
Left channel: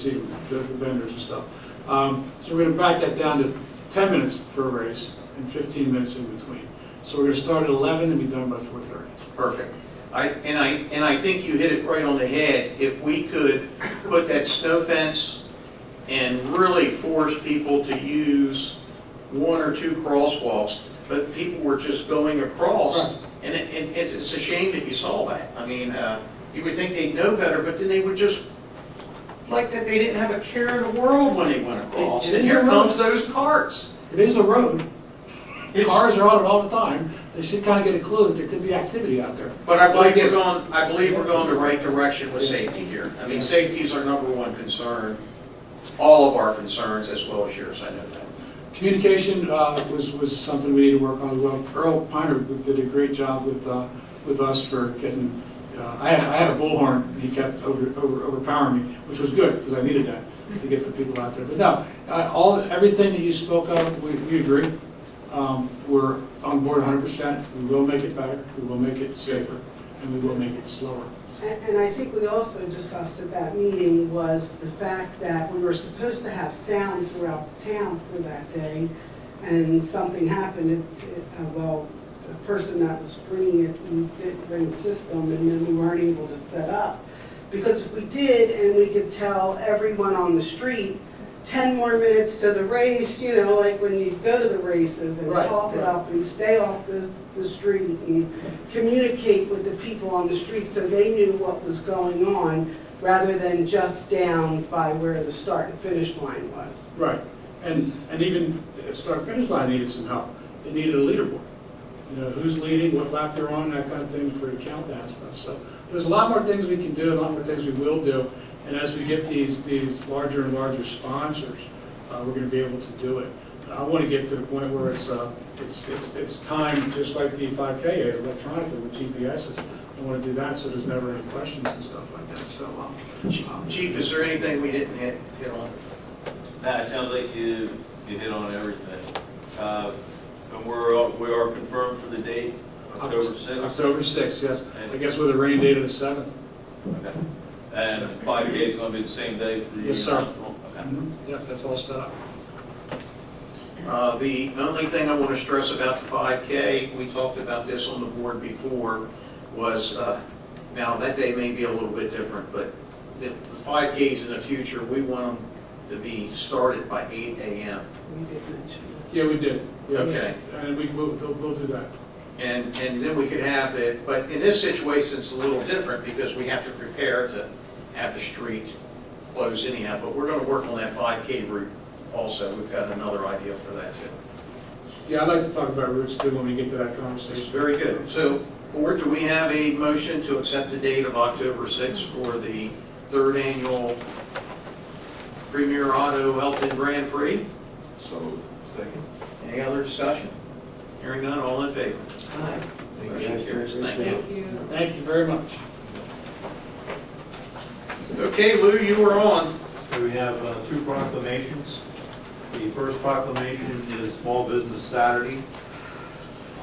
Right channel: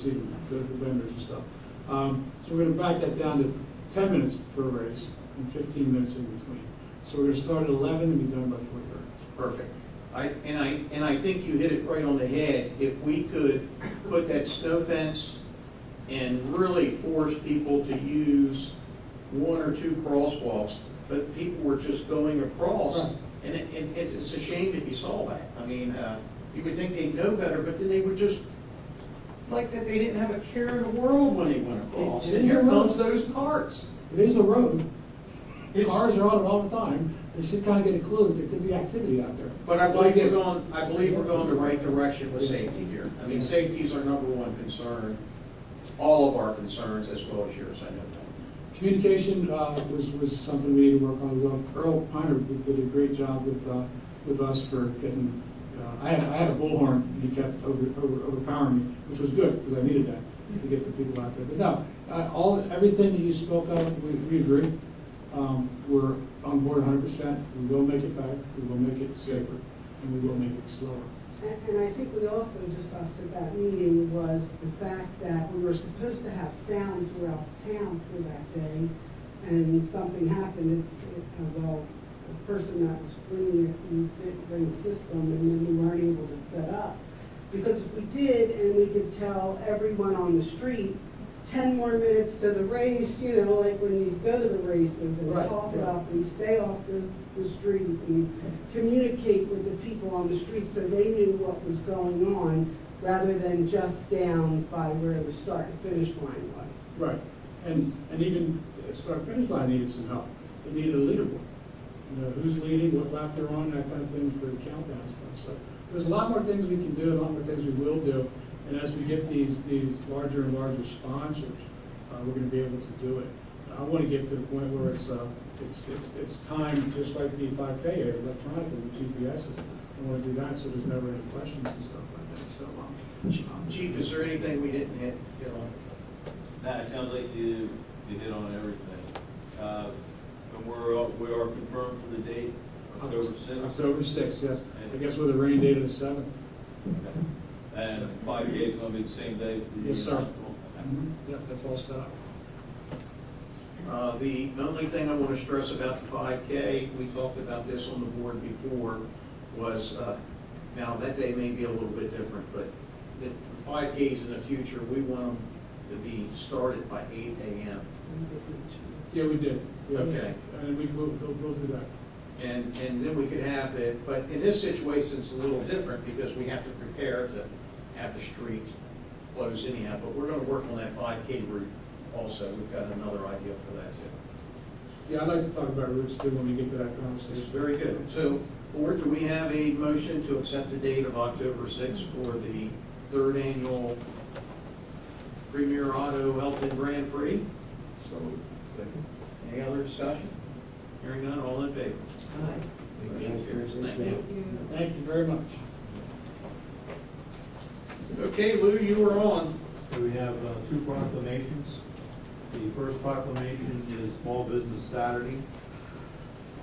vendors and stuff. So we're going to back that down to 10 minutes per race and 15 minutes in between. So we're going to start at 11 and be done by 4:30. Perfect. And I think you hit it right on the head. If we could put that snow fence and really force people to use one or two crosswalks, but people were just going across, Right. and it's a shame that you saw that. I mean, you would think they'd know better, but then they would just, like that they didn't have a care in the world when they went across. It And is here a road. comes those carts. It is a road. It's- Cars are on it all the time. They should kind of get a clue that there could be activity out there. But I believe we're going the right direction with safety here. I mean, safety is our number one concern, all of our concerns, as well as yours, I know that. Communication was something we need to work on as well. Earl Piner did a great job with us for getting, I had a bullhorn, and he kept overpowering me, which was good, because I needed that to get the people out there. But no, everything that you spoke of, we agree. We're on board 100%. We will make it better, we will make it safer, and we will make it slower. And I think we also discussed at that meeting was the fact that we were supposed to have sound throughout the town for that day, and something happened. Well, the person that was bringing it didn't bring the system, and then we weren't able to set up. Because if we did, and we could tell everyone on the street, 10 more minutes to the race, you know, like when you go to the races, and Right, talk it right. up and stay off the street and communicate with the people on the street so they knew what was going on, rather than just down by where the start and finish line was. Right, and even the start finish line needed some help. It needed a leaderboard. You know, who's leading, what lap they're on, that kind of thing for the countdown and stuff. So there's a lot more things we can do, a lot more things we will do. And as we get these larger and larger sponsors, we're going to be able to do it. I want to get to the point where it's timed just like the 5K is electronically with GPSs. I want to do that so there's never any questions and stuff like that. So, Chief, is there anything we didn't hit on? No, it sounds like you hit on everything. And we are confirmed for the date, October 6th. October 6th, yes. I guess with a rain date of the 7th. Okay. And 5K is going to be the same day for you? Yes, sir. Okay. Yeah, that's all set up. The only thing I want to stress about the 5K, we talked about this on the board before, was, now that day may be a little bit different, but the 5Ks in the future, we want them to be started by 8 a.m. We did mention Yeah, we did. Yeah. Okay. And we'll do that. And then we could have the, but in this situation, it's a little different because we have to prepare to have the street closed anyhow. But we're going to work on that 5K route also. We've got another idea for that too. Yeah, I'd like to talk about routes too when we get to that conversation. Very good. So, board, do we have a motion to accept the date of October 6th for the 3rd annual Premier Auto Elkton Grand Prix? So, second. Any other discussion? Hearing none, all in favor? Aye. Motion carries. Thank you. Thank you very much. Okay, Lou, you were on. So we have two proclamations. The first proclamation is Small Business Saturday.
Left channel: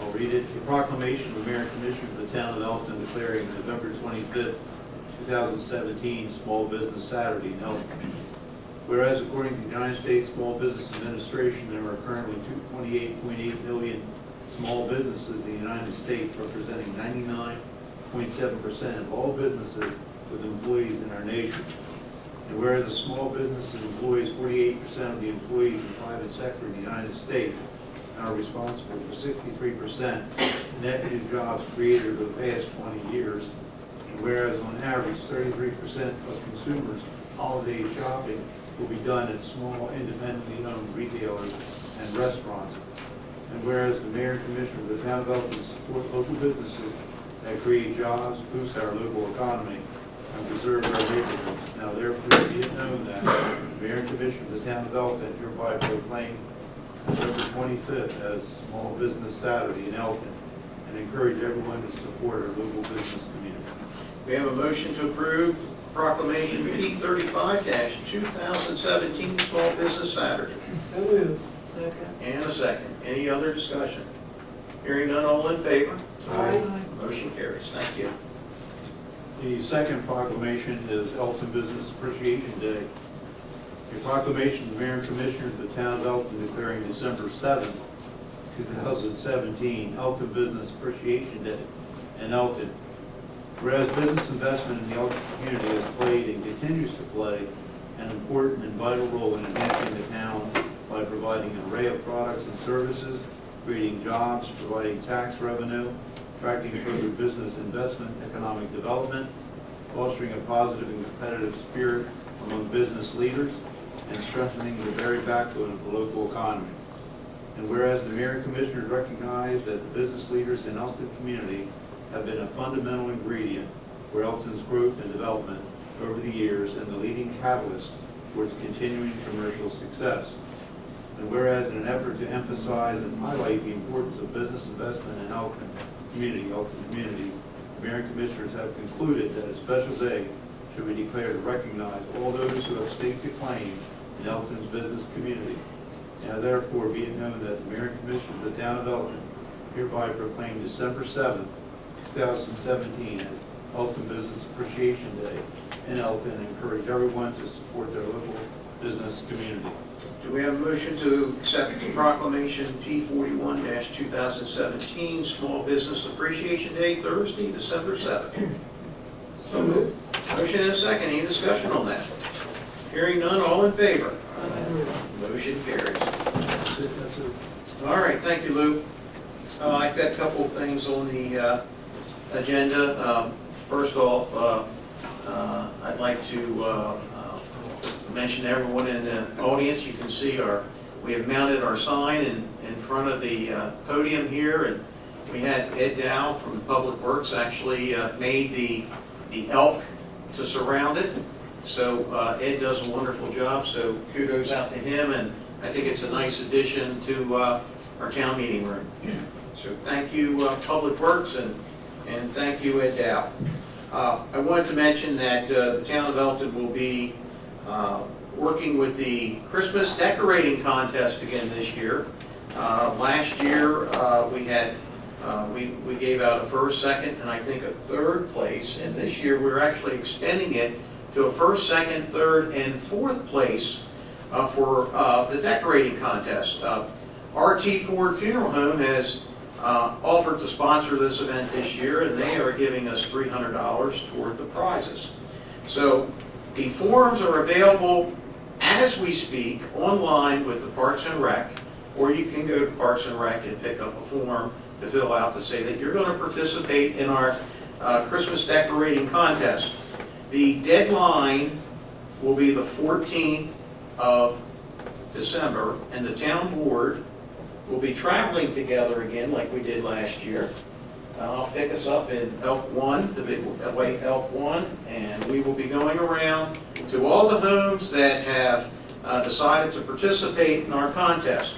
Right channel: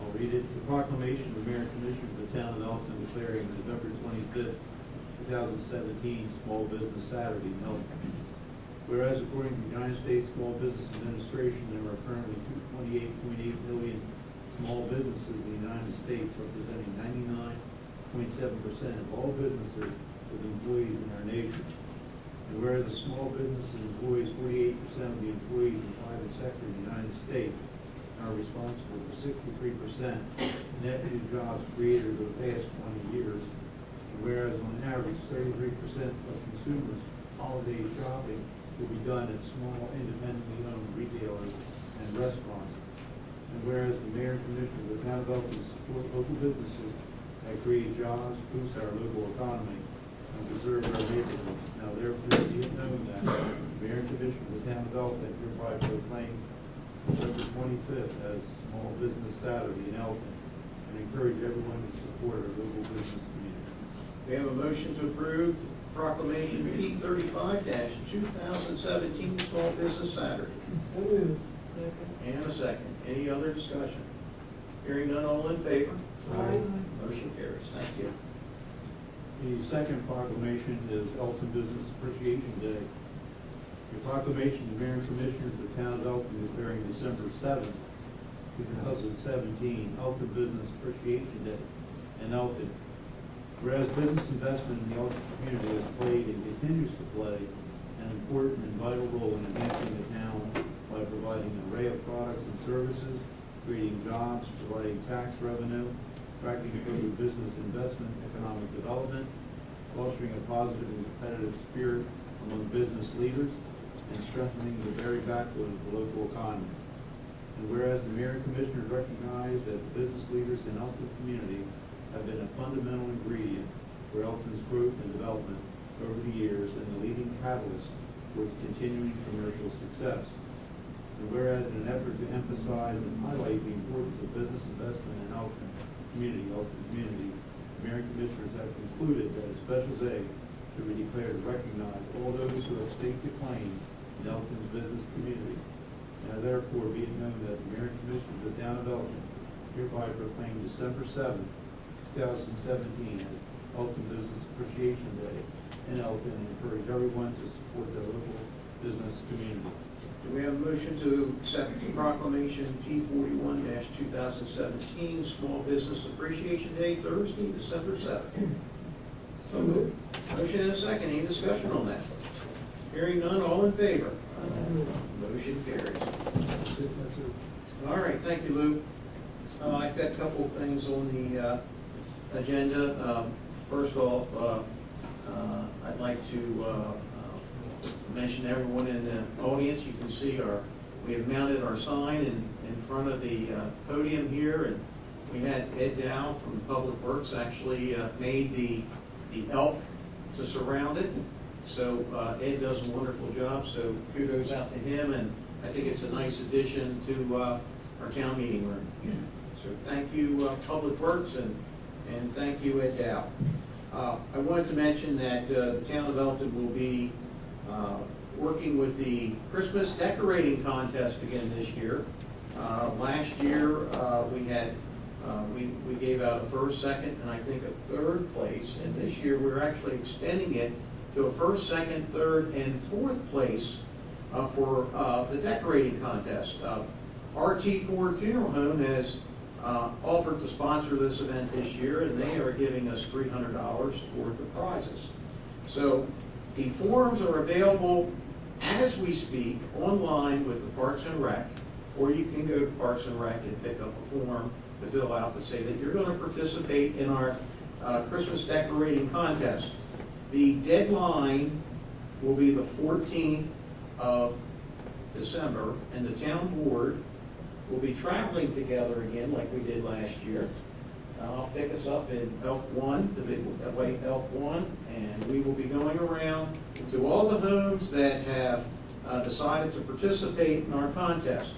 I'll read it. The proclamation of the Mayor and Commissioner of the Town of Elkton declaring November 25th, 2017 Small Business Saturday in Elkton. Whereas according to the United States Small Business Administration, there are currently 28.8 million small businesses in the United States, representing 99.7% of all businesses with employees in our nation. And whereas a small business employs 48% of the employees in the private sector in the United States and are responsible for 63% net new jobs created over the past 20 years. And whereas on average 33% of consumers' holiday shopping will be done at small independently owned retailers and restaurants. And whereas the Mayor and Commissioner of the Town of Elkton support local businesses that create jobs, boost our local economy, and preserve our neighborhoods. Now therefore be it known that the Mayor and Commissioner of the Town of Elkton hereby proclaim November 25th as Small Business Saturday in Elkton and encourage everyone to support our local business community. We have a motion to approve proclamation P 35-2017 Small Business Saturday. So moved. And a second. Any other discussion? Hearing none, all in favor? Aye. Motion carries. Thank you. The second proclamation is Elkton Business Appreciation Day. A proclamation of the Mayor and Commissioner of the Town of Elkton declaring December 7th, 2017 Elkton Business Appreciation Day in Elkton. Whereas business investment in the Elkton community has played and continues to play an important and vital role in enhancing the town by providing an array of products and services, creating jobs, providing tax revenue, attracting further business investment, economic development, fostering a positive and competitive spirit among business leaders, and strengthening the very backbone of the local economy. And whereas the Mayor and Commissioners recognize that the business leaders in Elkton community have been a fundamental ingredient for Elkton's growth and development over the years and the leading catalyst towards continuing commercial success. And whereas in an effort to emphasize and highlight the importance of business investment in Elkton community, Mayor and Commissioners have concluded that a special day should be declared to recognize all those who have staked a claim in Elkton's business community. Now therefore be it known that the Mayor and Commissioner of the Town of Elkton hereby proclaim December 7th, 2017 as Elkton Business Appreciation Day in Elkton and encourage everyone to support their local business community. Do we have a motion to accept the proclamation P 41-2017 Small Business Appreciation Day, Thursday, December 7th? So moved. Motion and a second. Any discussion on that? Hearing none, all in favor? Motion carries. That's it. All right, thank you, Lou. I've got a couple of things on the agenda. First off, I'd like to mention to everyone in the audience, you can see we have mounted our sign in front of the podium here, and we had Ed Dow from Public Works actually made the elk to surround it. So Ed does a wonderful job, so kudos out to him, and I think it's a nice addition to our town meeting room. So thank you, Public Works, and thank you, Ed Dow. I wanted to mention that the town of Elkton will be working with the Christmas decorating contest again this year. Last year we had we gave out a first, second, and I think a third place. And this year we're actually extending it to a first, second, third, and fourth place for the decorating contest. RT Ford Funeral Home has offered to sponsor this event this year, and they are giving us $300 toward the prizes. So the forms are available as we speak online with the Parks and Rec, or you can go to Parks and Rec and pick up a form to fill out to say that you're going to participate in our Christmas decorating contest. The deadline will be the 14th of December, and the town board will be traveling together again like we did last year. I'll pick us up in Elk 1, the big white Elk 1, and we will be going around to all the homes that have decided to participate in our contest.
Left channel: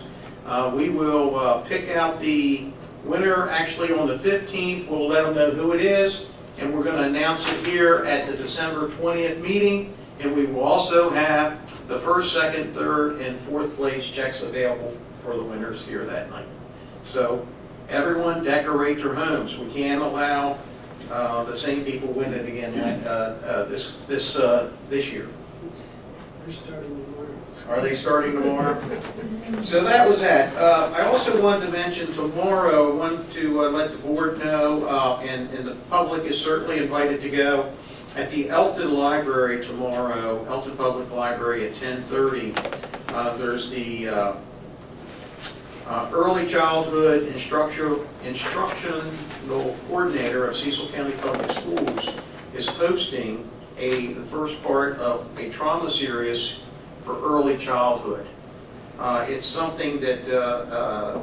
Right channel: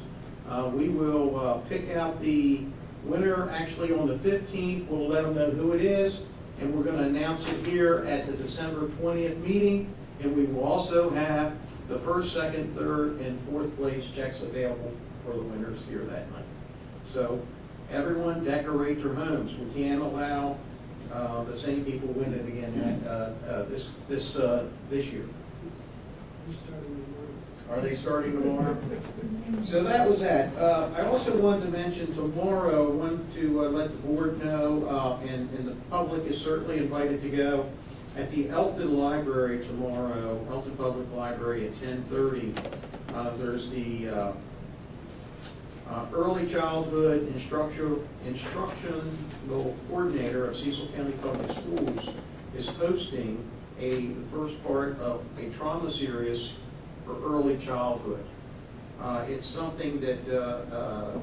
We will pick out the Winner actually on the 15th, we'll let them know who it is, and we're going to announce it here at the December 20th meeting, and we will also have the first, second, third, and fourth place checks available for the winners here that night. So everyone decorate their homes. We can't allow the same people win it again this year. They're starting tomorrow. Are they starting tomorrow? So that was that. I also wanted to mention tomorrow, I wanted to let the board know, and the public is certainly invited to go, at the Elkton Library tomorrow, Elkton Public Library at 10:30. There's the Early Childhood Instructional Coordinator of Cecil County Public Schools is hosting the first part of a trauma series for early childhood. It's something that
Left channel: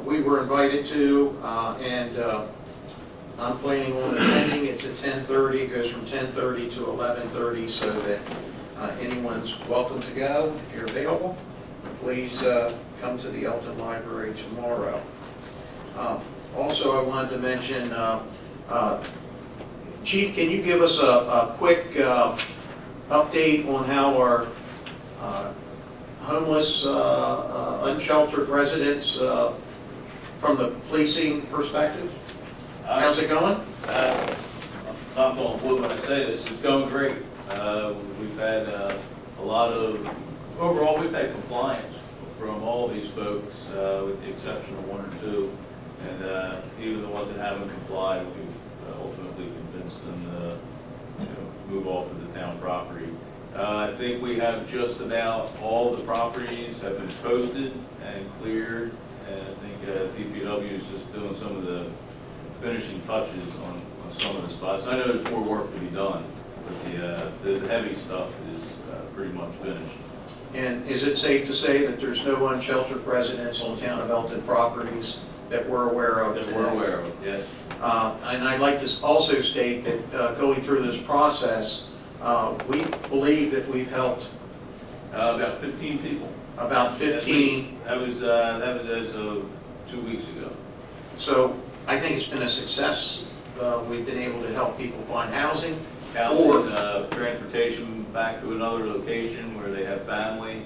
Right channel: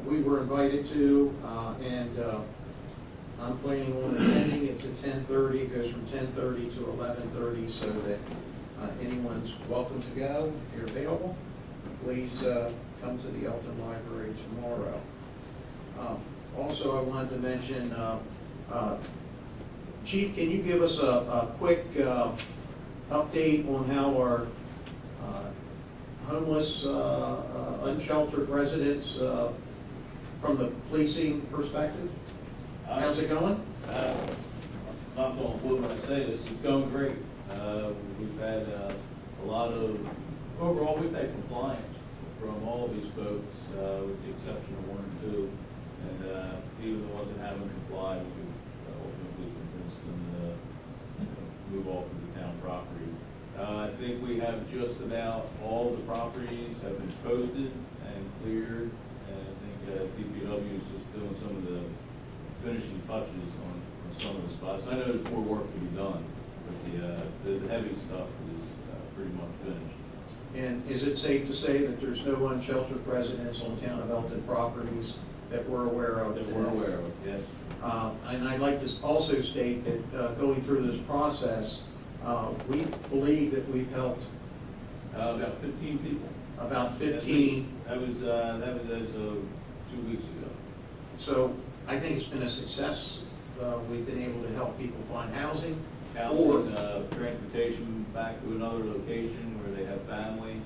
we were invited to, and I'm planning on attending. It's at 10:30. It goes from 10:30 to 11:30, so that anyone's welcome to go. If you're available, please come to the Elkton Library tomorrow. Also, I wanted to mention, Chief, can you give us a quick update on how our homeless, unsheltered residents, from the policing perspective? How's it going? I'm not going to wood when I say this, it's going great. We've had a lot of, overall, we've had compliance from all these folks, with the exception of one or two. And even the ones that haven't complied, we've ultimately convinced them to move off of the town property. I think we have just about all the properties have been posted and cleared, and I think DPW is just doing some of the finishing touches on some of the spots. I know there's more work to be done, but the heavy stuff is pretty much finished. And is it safe to say that there's no unsheltered residents on town of Elkton properties that we're aware of? That we're aware of, yes. And I'd like to also state that going through this process, we believe that we've helped About 15 people. about 15. That was as of 2 weeks ago. So I think it's been a success. We've been able to help people find housing. Housing, transportation back to another location where they have family,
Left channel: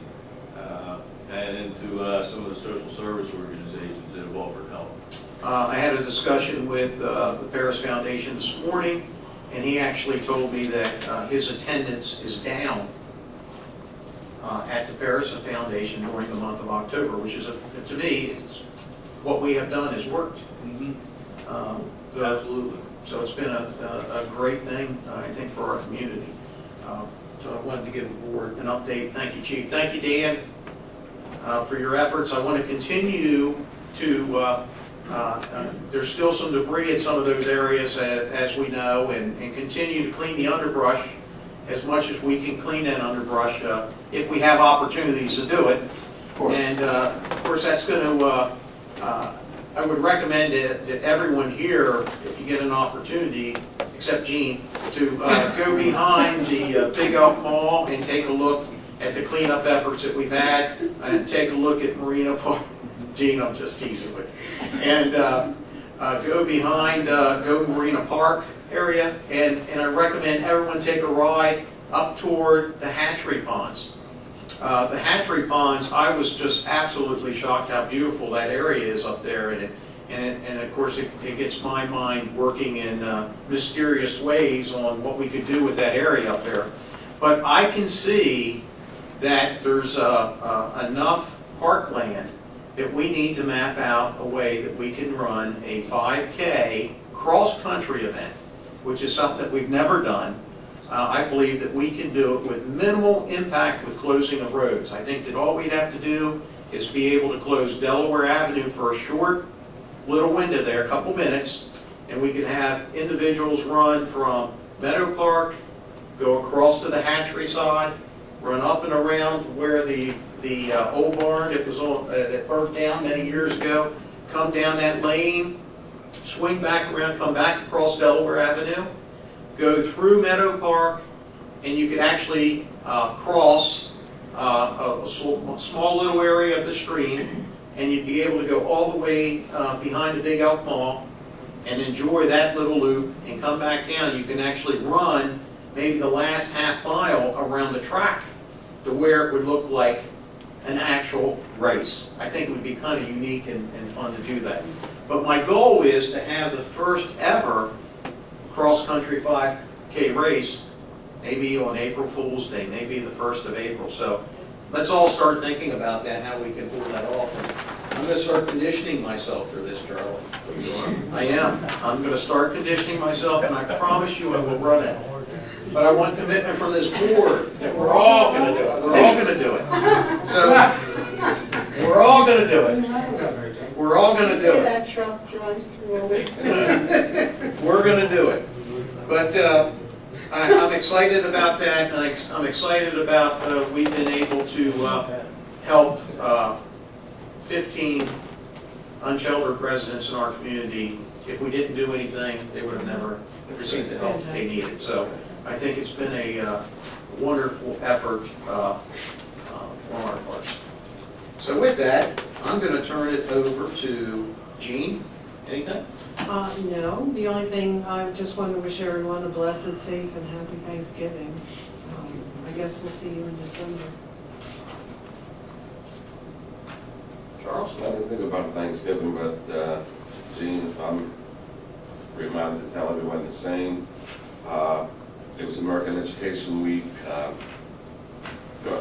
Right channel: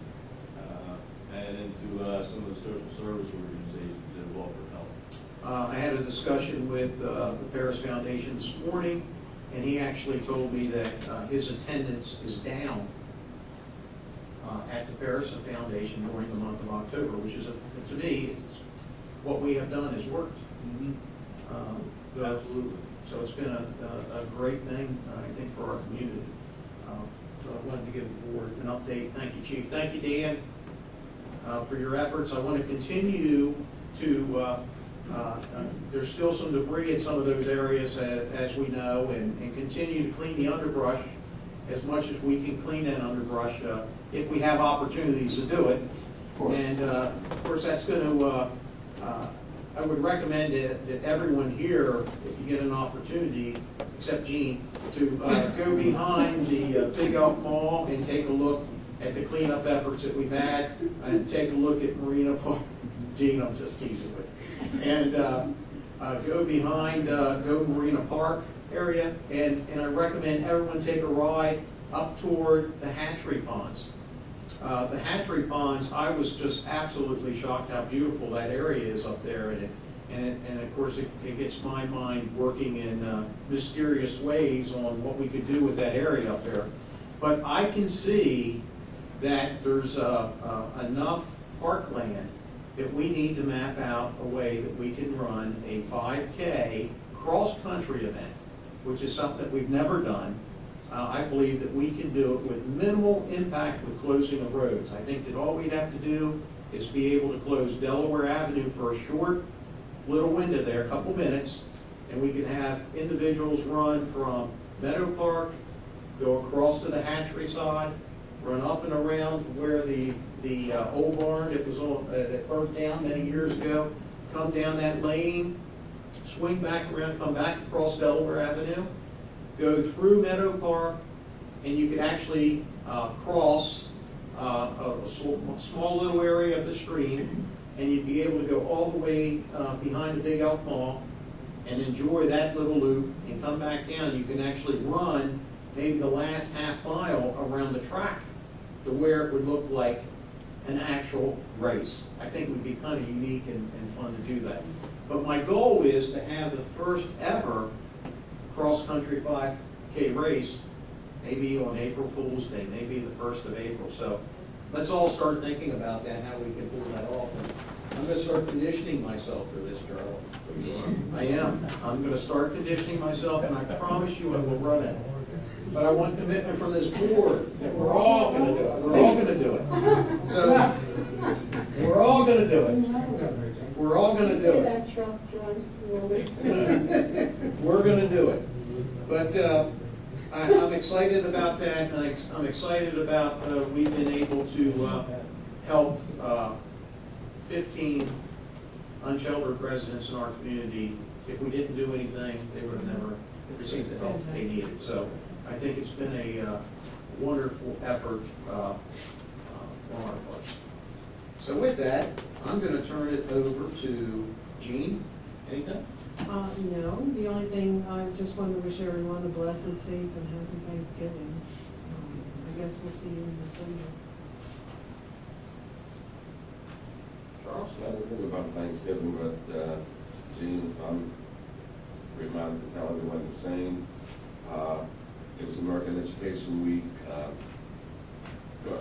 and into some of the social service organizations that have offered help. I had a discussion with the Paris Foundation this morning, and he actually told me that his attendance is down at the Paris Foundation during the month of October, which is, to me, it's, what we have done has worked. Absolutely. So it's been a great thing, I think, for our community. So I wanted to give the board an update. Thank you, Chief. Thank you, Dan, for your efforts. I want to continue to, there's still some debris in some of those areas, as we know, and continue to clean the underbrush as much as we can clean that underbrush if we have opportunities to do it. And of course, that's going to, I would recommend that everyone here, if you get an opportunity, except Gene, to go behind the Big Elk Mall and take a look at the cleanup efforts that we've had, and take a look at Marina Park. Gene, I'm just teasing with you. And go behind, go Marina Park area, and I recommend everyone take a ride up toward the hatchery ponds. The hatchery ponds, I was just absolutely shocked how beautiful that area is up there, and of course it gets my mind working in mysterious ways on what we could do with that area up there. But I can see that there's enough parkland that we need to map out a way that we can run a 5K cross-country event, which is something that we've never done. I believe that we can do it with minimal impact with closing of roads. I think that all we'd have to do is be able to close Delaware Avenue for a short little window there, a couple minutes, and we could have individuals run from Meadow Park, go across to the hatchery side, run up and around where the old barn that was on, that burnt down many years ago, come down that lane, swing back around, come back across Delaware Avenue, go through Meadow Park, and you could actually cross a small little area of the stream and you'd be able to go all the way behind the Big Elk Mall and enjoy that little loop and come back down. You can actually run maybe the last half mile around the track to where it would look like an actual race. I think it would be kind of unique and fun to do that. But my goal is to have the first ever cross-country 5K race, maybe on April Fool's Day, maybe the 1st of April. So let's all start thinking about that, how we can pull that off. And I'm going to start conditioning myself for this, Charlie. I am. I'm going to start conditioning myself, and I promise you I will run it. But I want commitment from this board that we're all going to do it. We're all going to do it. So we're all going to do it. We're all going to do it. That truck drives through. We're going to do it. But I'm excited about that, and I'm excited about we've been able to help 15 unsheltered residents in our community. If we didn't do anything, they would have never received the help they needed. So I think it's been a wonderful effort on our parts. So with that, I'm going to turn it over to Jean. Anything? No, the only thing, I just wanted to wish everyone a blessed, safe, and happy Thanksgiving. I guess we'll see you in December. Charles? I didn't think about Thanksgiving, but Gene, I'm reminded to tell everyone the same. It was American Education Week. To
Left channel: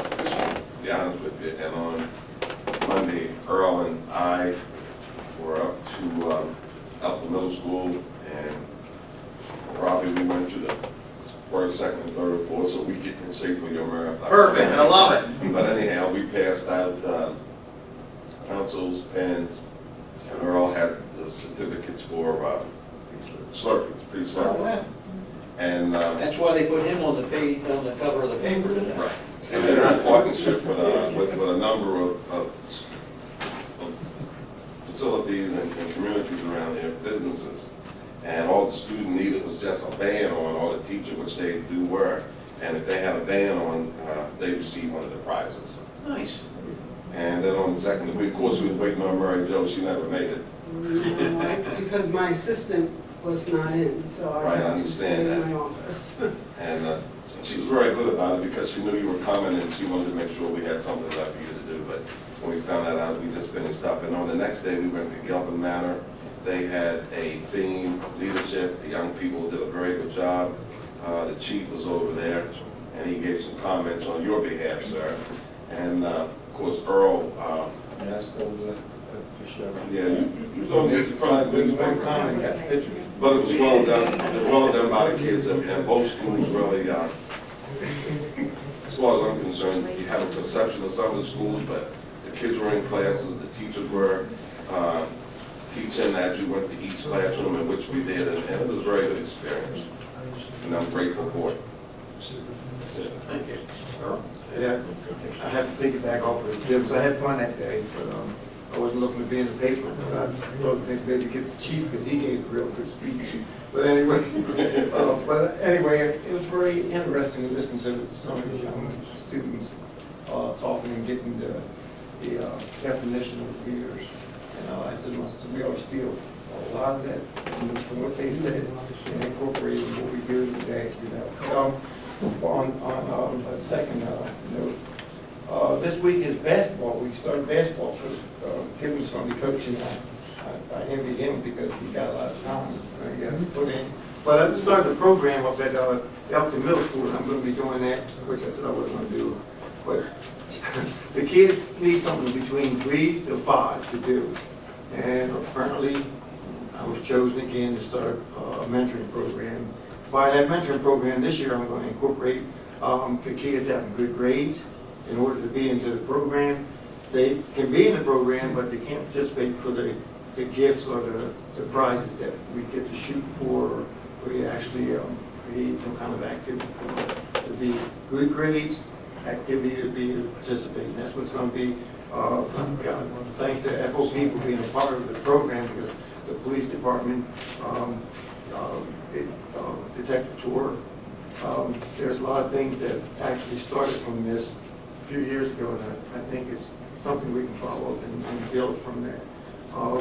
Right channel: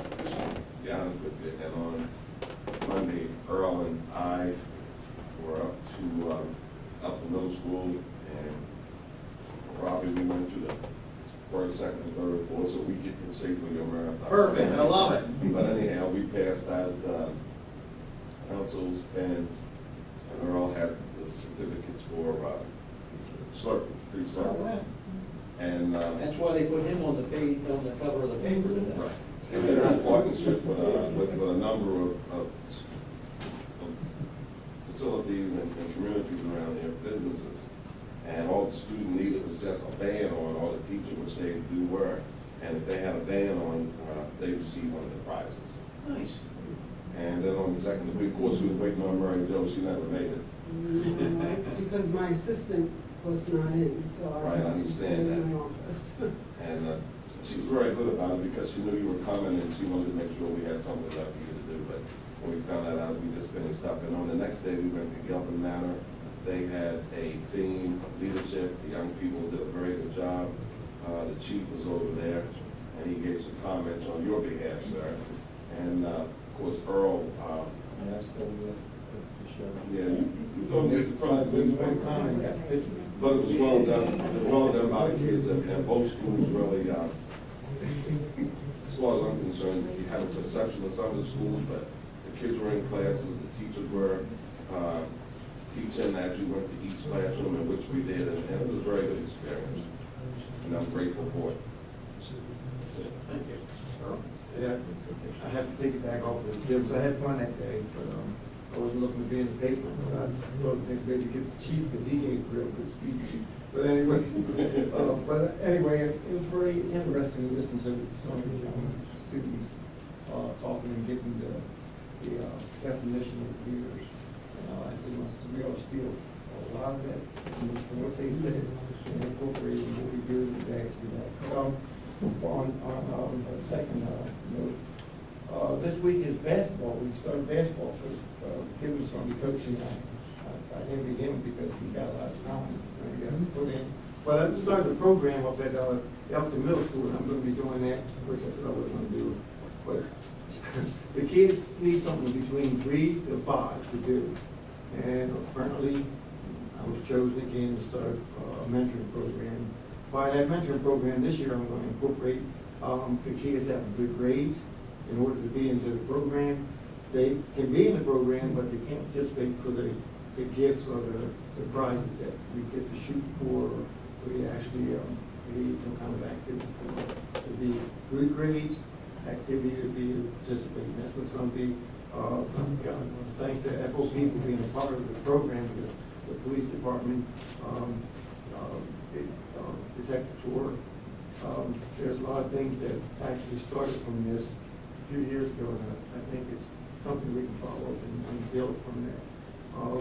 be honest with you, and on Monday, Earl and I were up to Elkton Middle School, and probably we went to the first, second, third, fourth, so we get in shape for your marathon. Perfect, I love it. But anyhow, we passed out pencils, pens, and Earl had the certificates for Slurpees, free Slurpees. Oh, wow. And That's why they put him on the page, on the cover of the paper today. right. And they're in partnership with a number of facilities and communities around there, businesses. And all the student needed was just a band on, or the teacher, which they do wear. And if they had a band on, they received one of the prizes. Nice. And then on the second week, of course, we was waiting on Mary Jo. She never made it. No, because my assistant was not in, so I Right, I had to understand stay that. in my office. And she was very good about it because she knew you were coming and she wanted to make sure we had something left for you to do. But when we found that out, we just finished up. And on the next day, we went to Elkton Manor. They had a theme, leadership. The young people did a very good job. The chief was over there, and he gave some comments on your behalf, sir. And of course, Earl. Yes, that was Yeah, you told me it's probably one comment, got the picture. But it was well done. It was well done by the kids, and both schools really. As far as I'm concerned, you have a perception of some of the schools, but the kids were in classes, the teachers were teaching as you went to each classroom, in which we did, and it was a very good experience. And I'm grateful for it. That's it. Thank you. Earl? Yeah, I have to piggyback off of it, because I had fun that day, but I wasn't looking to be in the paper, but I thought maybe get the chief, because he gave a real good speech. But anyway, it was very interesting to listen to some of the young students talking and getting the definition of leaders. And I said, well, so we always feel a lot of that from what they said and incorporating what we do today, you know. On a second note, this week is basketball. We started basketball, so Kevin's going to be coaching. I envy him because he got a lot of time he has to put in. But I started a program up at Elkton Middle School, and I'm going to be doing that, which I said I wasn't going to do. But the kids need something between 3 to 5 to do. And apparently, I was chosen again to start a mentoring program. By that mentoring program this year, I'm going to incorporate the kids having good grades in order to be into the program. They can be in the program, but they can't participate for the gifts or the prizes that we get to shoot for, or we actually create some kind of activity for to be good grades, activity to be participating. That's what's going to be. I want to thank the FOP for being a part of the program, because the police department, Detective Tour, there's a lot of things that actually started from this a few years ago, and I think it's something we can follow up and build from that.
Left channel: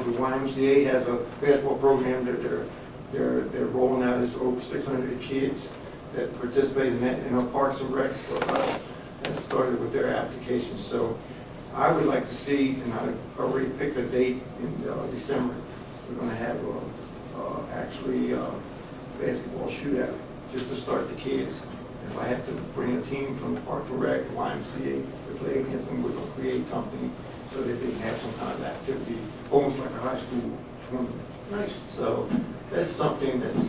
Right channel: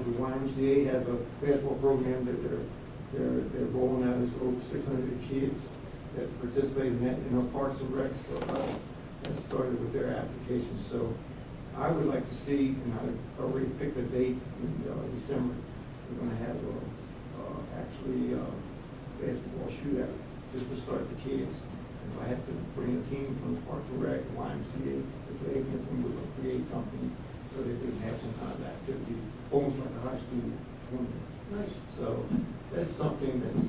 The YMCA has a basketball program that they're rolling out. It's over 600 kids that participate in that, and Parks and Rec has started with their application. So I would like to see, and I already picked a date in December, we're going to have actually basketball shootout just to start the kids. If I have to bring a team from Parks and Rec, YMCA to play against them, we're going to create something so that they can have some kind of activity, almost like a high school tournament. Nice. So that's something that's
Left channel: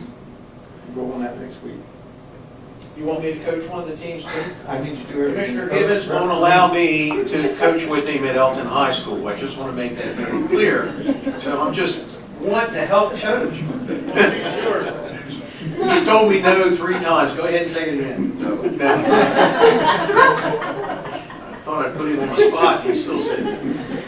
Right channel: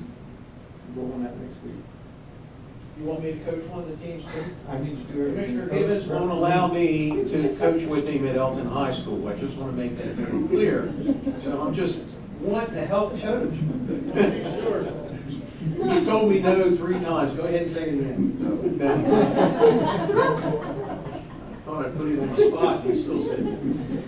rolling out next week. You want me to coach one of the teams too? I need you to do everything. Commissioner Gibbons won't allow me to coach with him at Elkton High School. I just want to make that very clear. So I'm just wanting to help coach. He's told me no 3 times. Go ahead and say it again. No. I thought I'd put him on the spot. He still said no.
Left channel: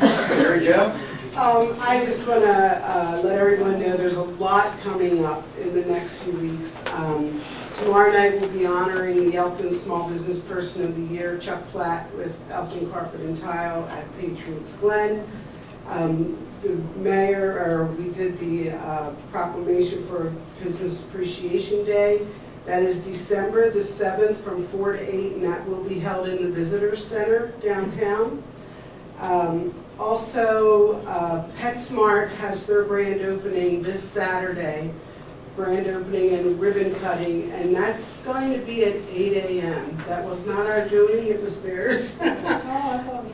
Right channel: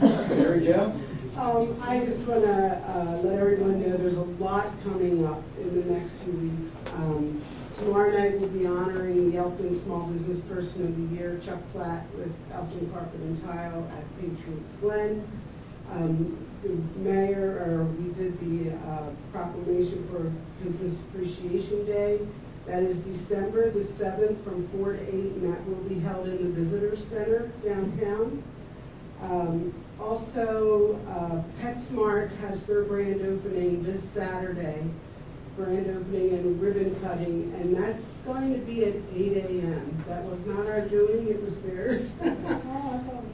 There you go. I just want to let everyone know there's a lot coming up in the next few weeks. Tomorrow night we'll be honoring the Elkton Small Business Person of the Year, Chuck Platt, with Elkton Carpet and Tile at Patriots Glen. The mayor, we did the proclamation for Business Appreciation Day. That is December the 7th from 4 to 8, and that will be held in the Visitor Center downtown. Also, PetSmart has their grand opening this Saturday, grand opening and ribbon cutting, and that's going to be at 8 a.m. That was not our doing, it was theirs. Oh, I thought it was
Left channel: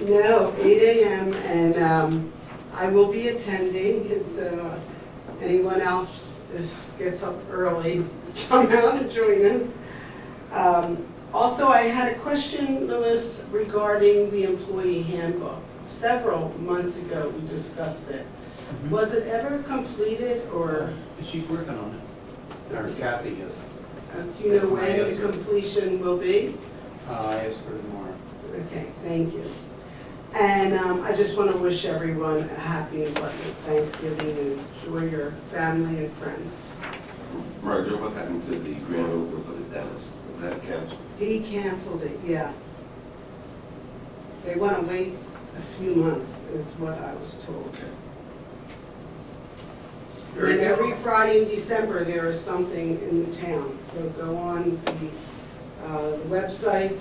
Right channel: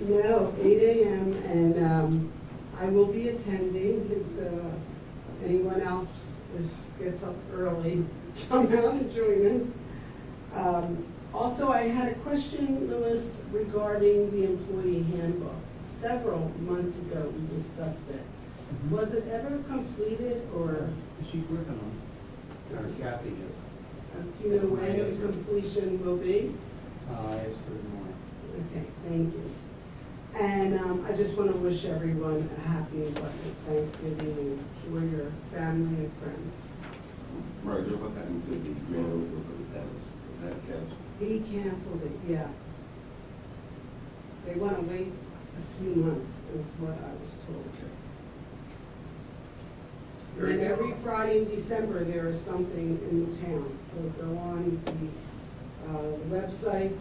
10. No, 8 a.m. and I will be attending. If anyone else gets up early, come out and join us. Also, I had a question, Louis, regarding the employee handbook. Several months ago, we discussed it. Was it ever completed, or She's working on it. Or Kathy is. do you know when the completion will be? I asked her tomorrow. Okay, thank you. And I just want to wish everyone a happy and blessed Thanksgiving and enjoy your family and friends. Roger, what happened to the grand opening for the dentist? Was that canceled? He canceled it, yeah. They want to wait a few months, is what I was told. Very And good. every Friday in December, there is something in the town. So go on the website,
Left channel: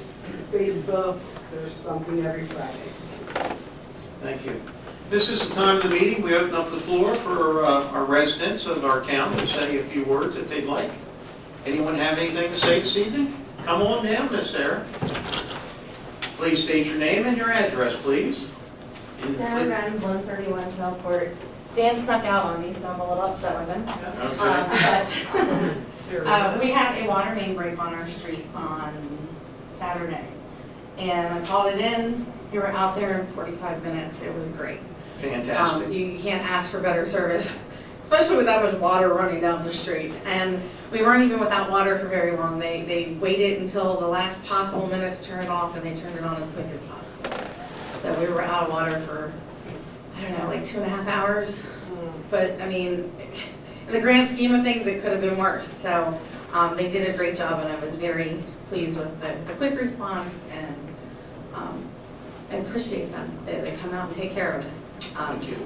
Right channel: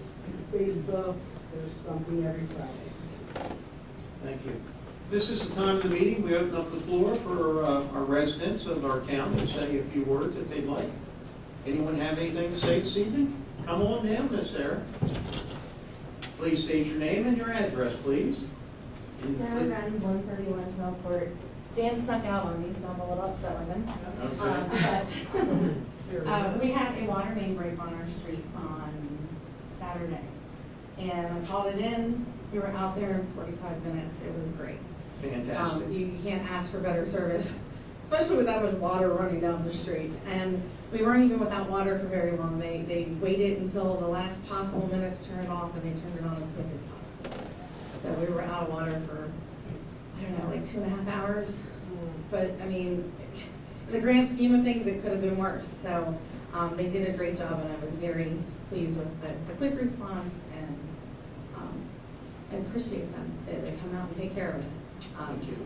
Facebook, there's something every Friday. Thank you. This is the time of the meeting. We open up the floor for our residents of our town to say a few words if they'd like. Anyone have anything to say this evening? Come on down, Miss Sarah. Please state your name and your address, please. Sarah Wren, 131 Snowport. Dan snuck out on me, so I'm a little upset with him. But we had a water main break on our street on Saturday. And I called it in. We were out there in 45 minutes. It was great. Fantastic. You can't ask for better service, especially with that much water running down the street. And we weren't even without water for very long. They waited until the last possible minutes to turn it off, and they turned it on as quick as possible. So we were out of water for, I don't know, like 2.5 hours. But I mean, in the grand scheme of things, it could have been worse. So they did a great job, and I was very pleased with the quick response, and I appreciate them. They come out and take care of us. Thank you.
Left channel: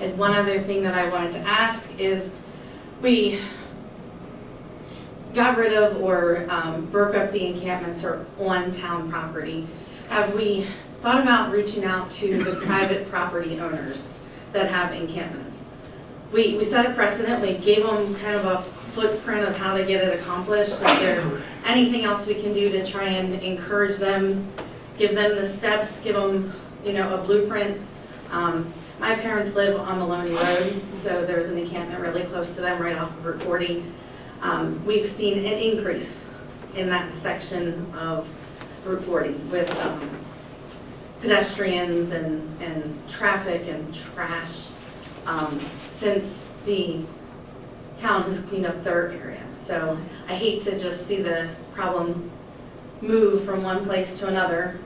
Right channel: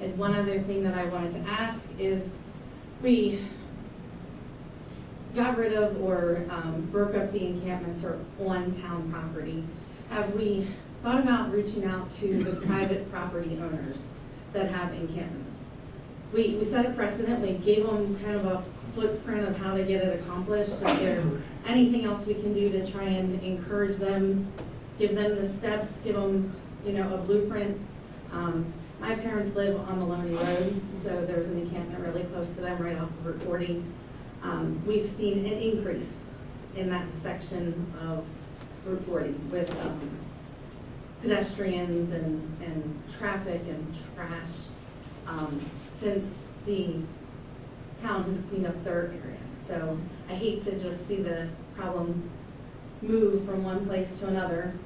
And one other thing that I wanted to ask is, we got rid of or broke up the encampments or on town property. Have we thought about reaching out to the private property owners that have encampments? We set a precedent. We gave them kind of a footprint of how to get it accomplished. Is there anything else we can do to try and encourage them, give them the steps, give them, a blueprint? My parents live on Maloney Road, so there's an encampment really close to them, right off of Route 40. We've seen an increase in that section of Route 40 with pedestrians and traffic and trash since the town has cleaned up their area. So I hate to just see the problem move from one place to another.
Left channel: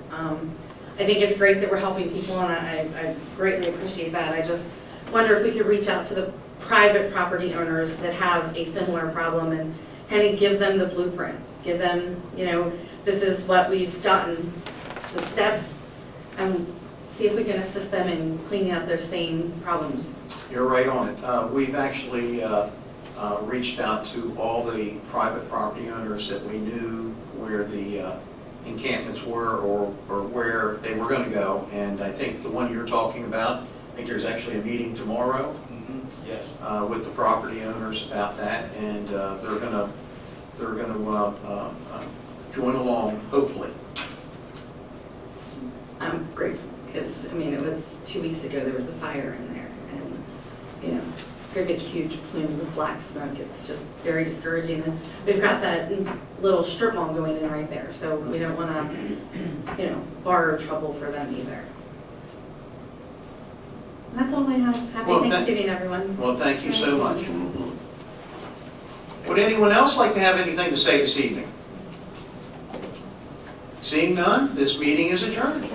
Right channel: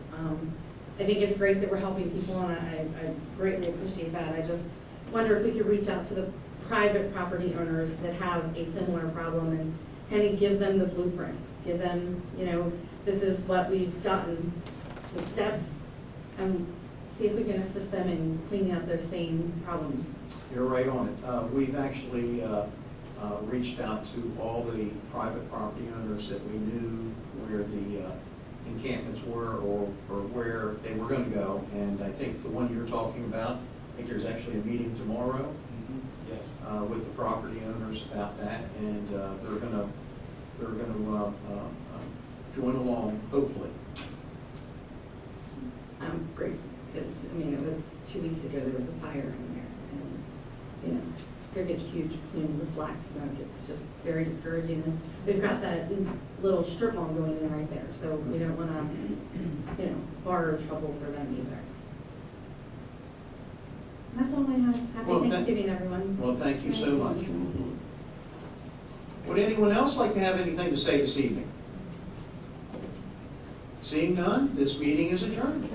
I think it's great that we're helping people, and I greatly appreciate that. I just wonder if we could reach out to the private property owners that have a similar problem and kind of give them the blueprint. Give them, this is what we've gotten, the steps, and see if we can assist them in cleaning up their same problems. You're right on it. We've actually reached out to all the private property owners that we knew where the encampments were or where they were going to go. And I think the one you're talking about, I think there's actually a meeting tomorrow Yes. with the property owners about that, and they're going to join along, hopefully. I'm grateful, because, I mean, it was 2 weeks ago, there was a fire in there, and, you know, very big, huge plumes of black smoke. It's just very discouraging, and we've got that little strip mall going in right there, so we don't want to, you know, borrow trouble for them either. And that's all I have. Happy Well, Thanksgiving, everyone. Well, thank you so much. Would anyone else like to have anything to say this evening? Seeing none, this meeting is adjourned.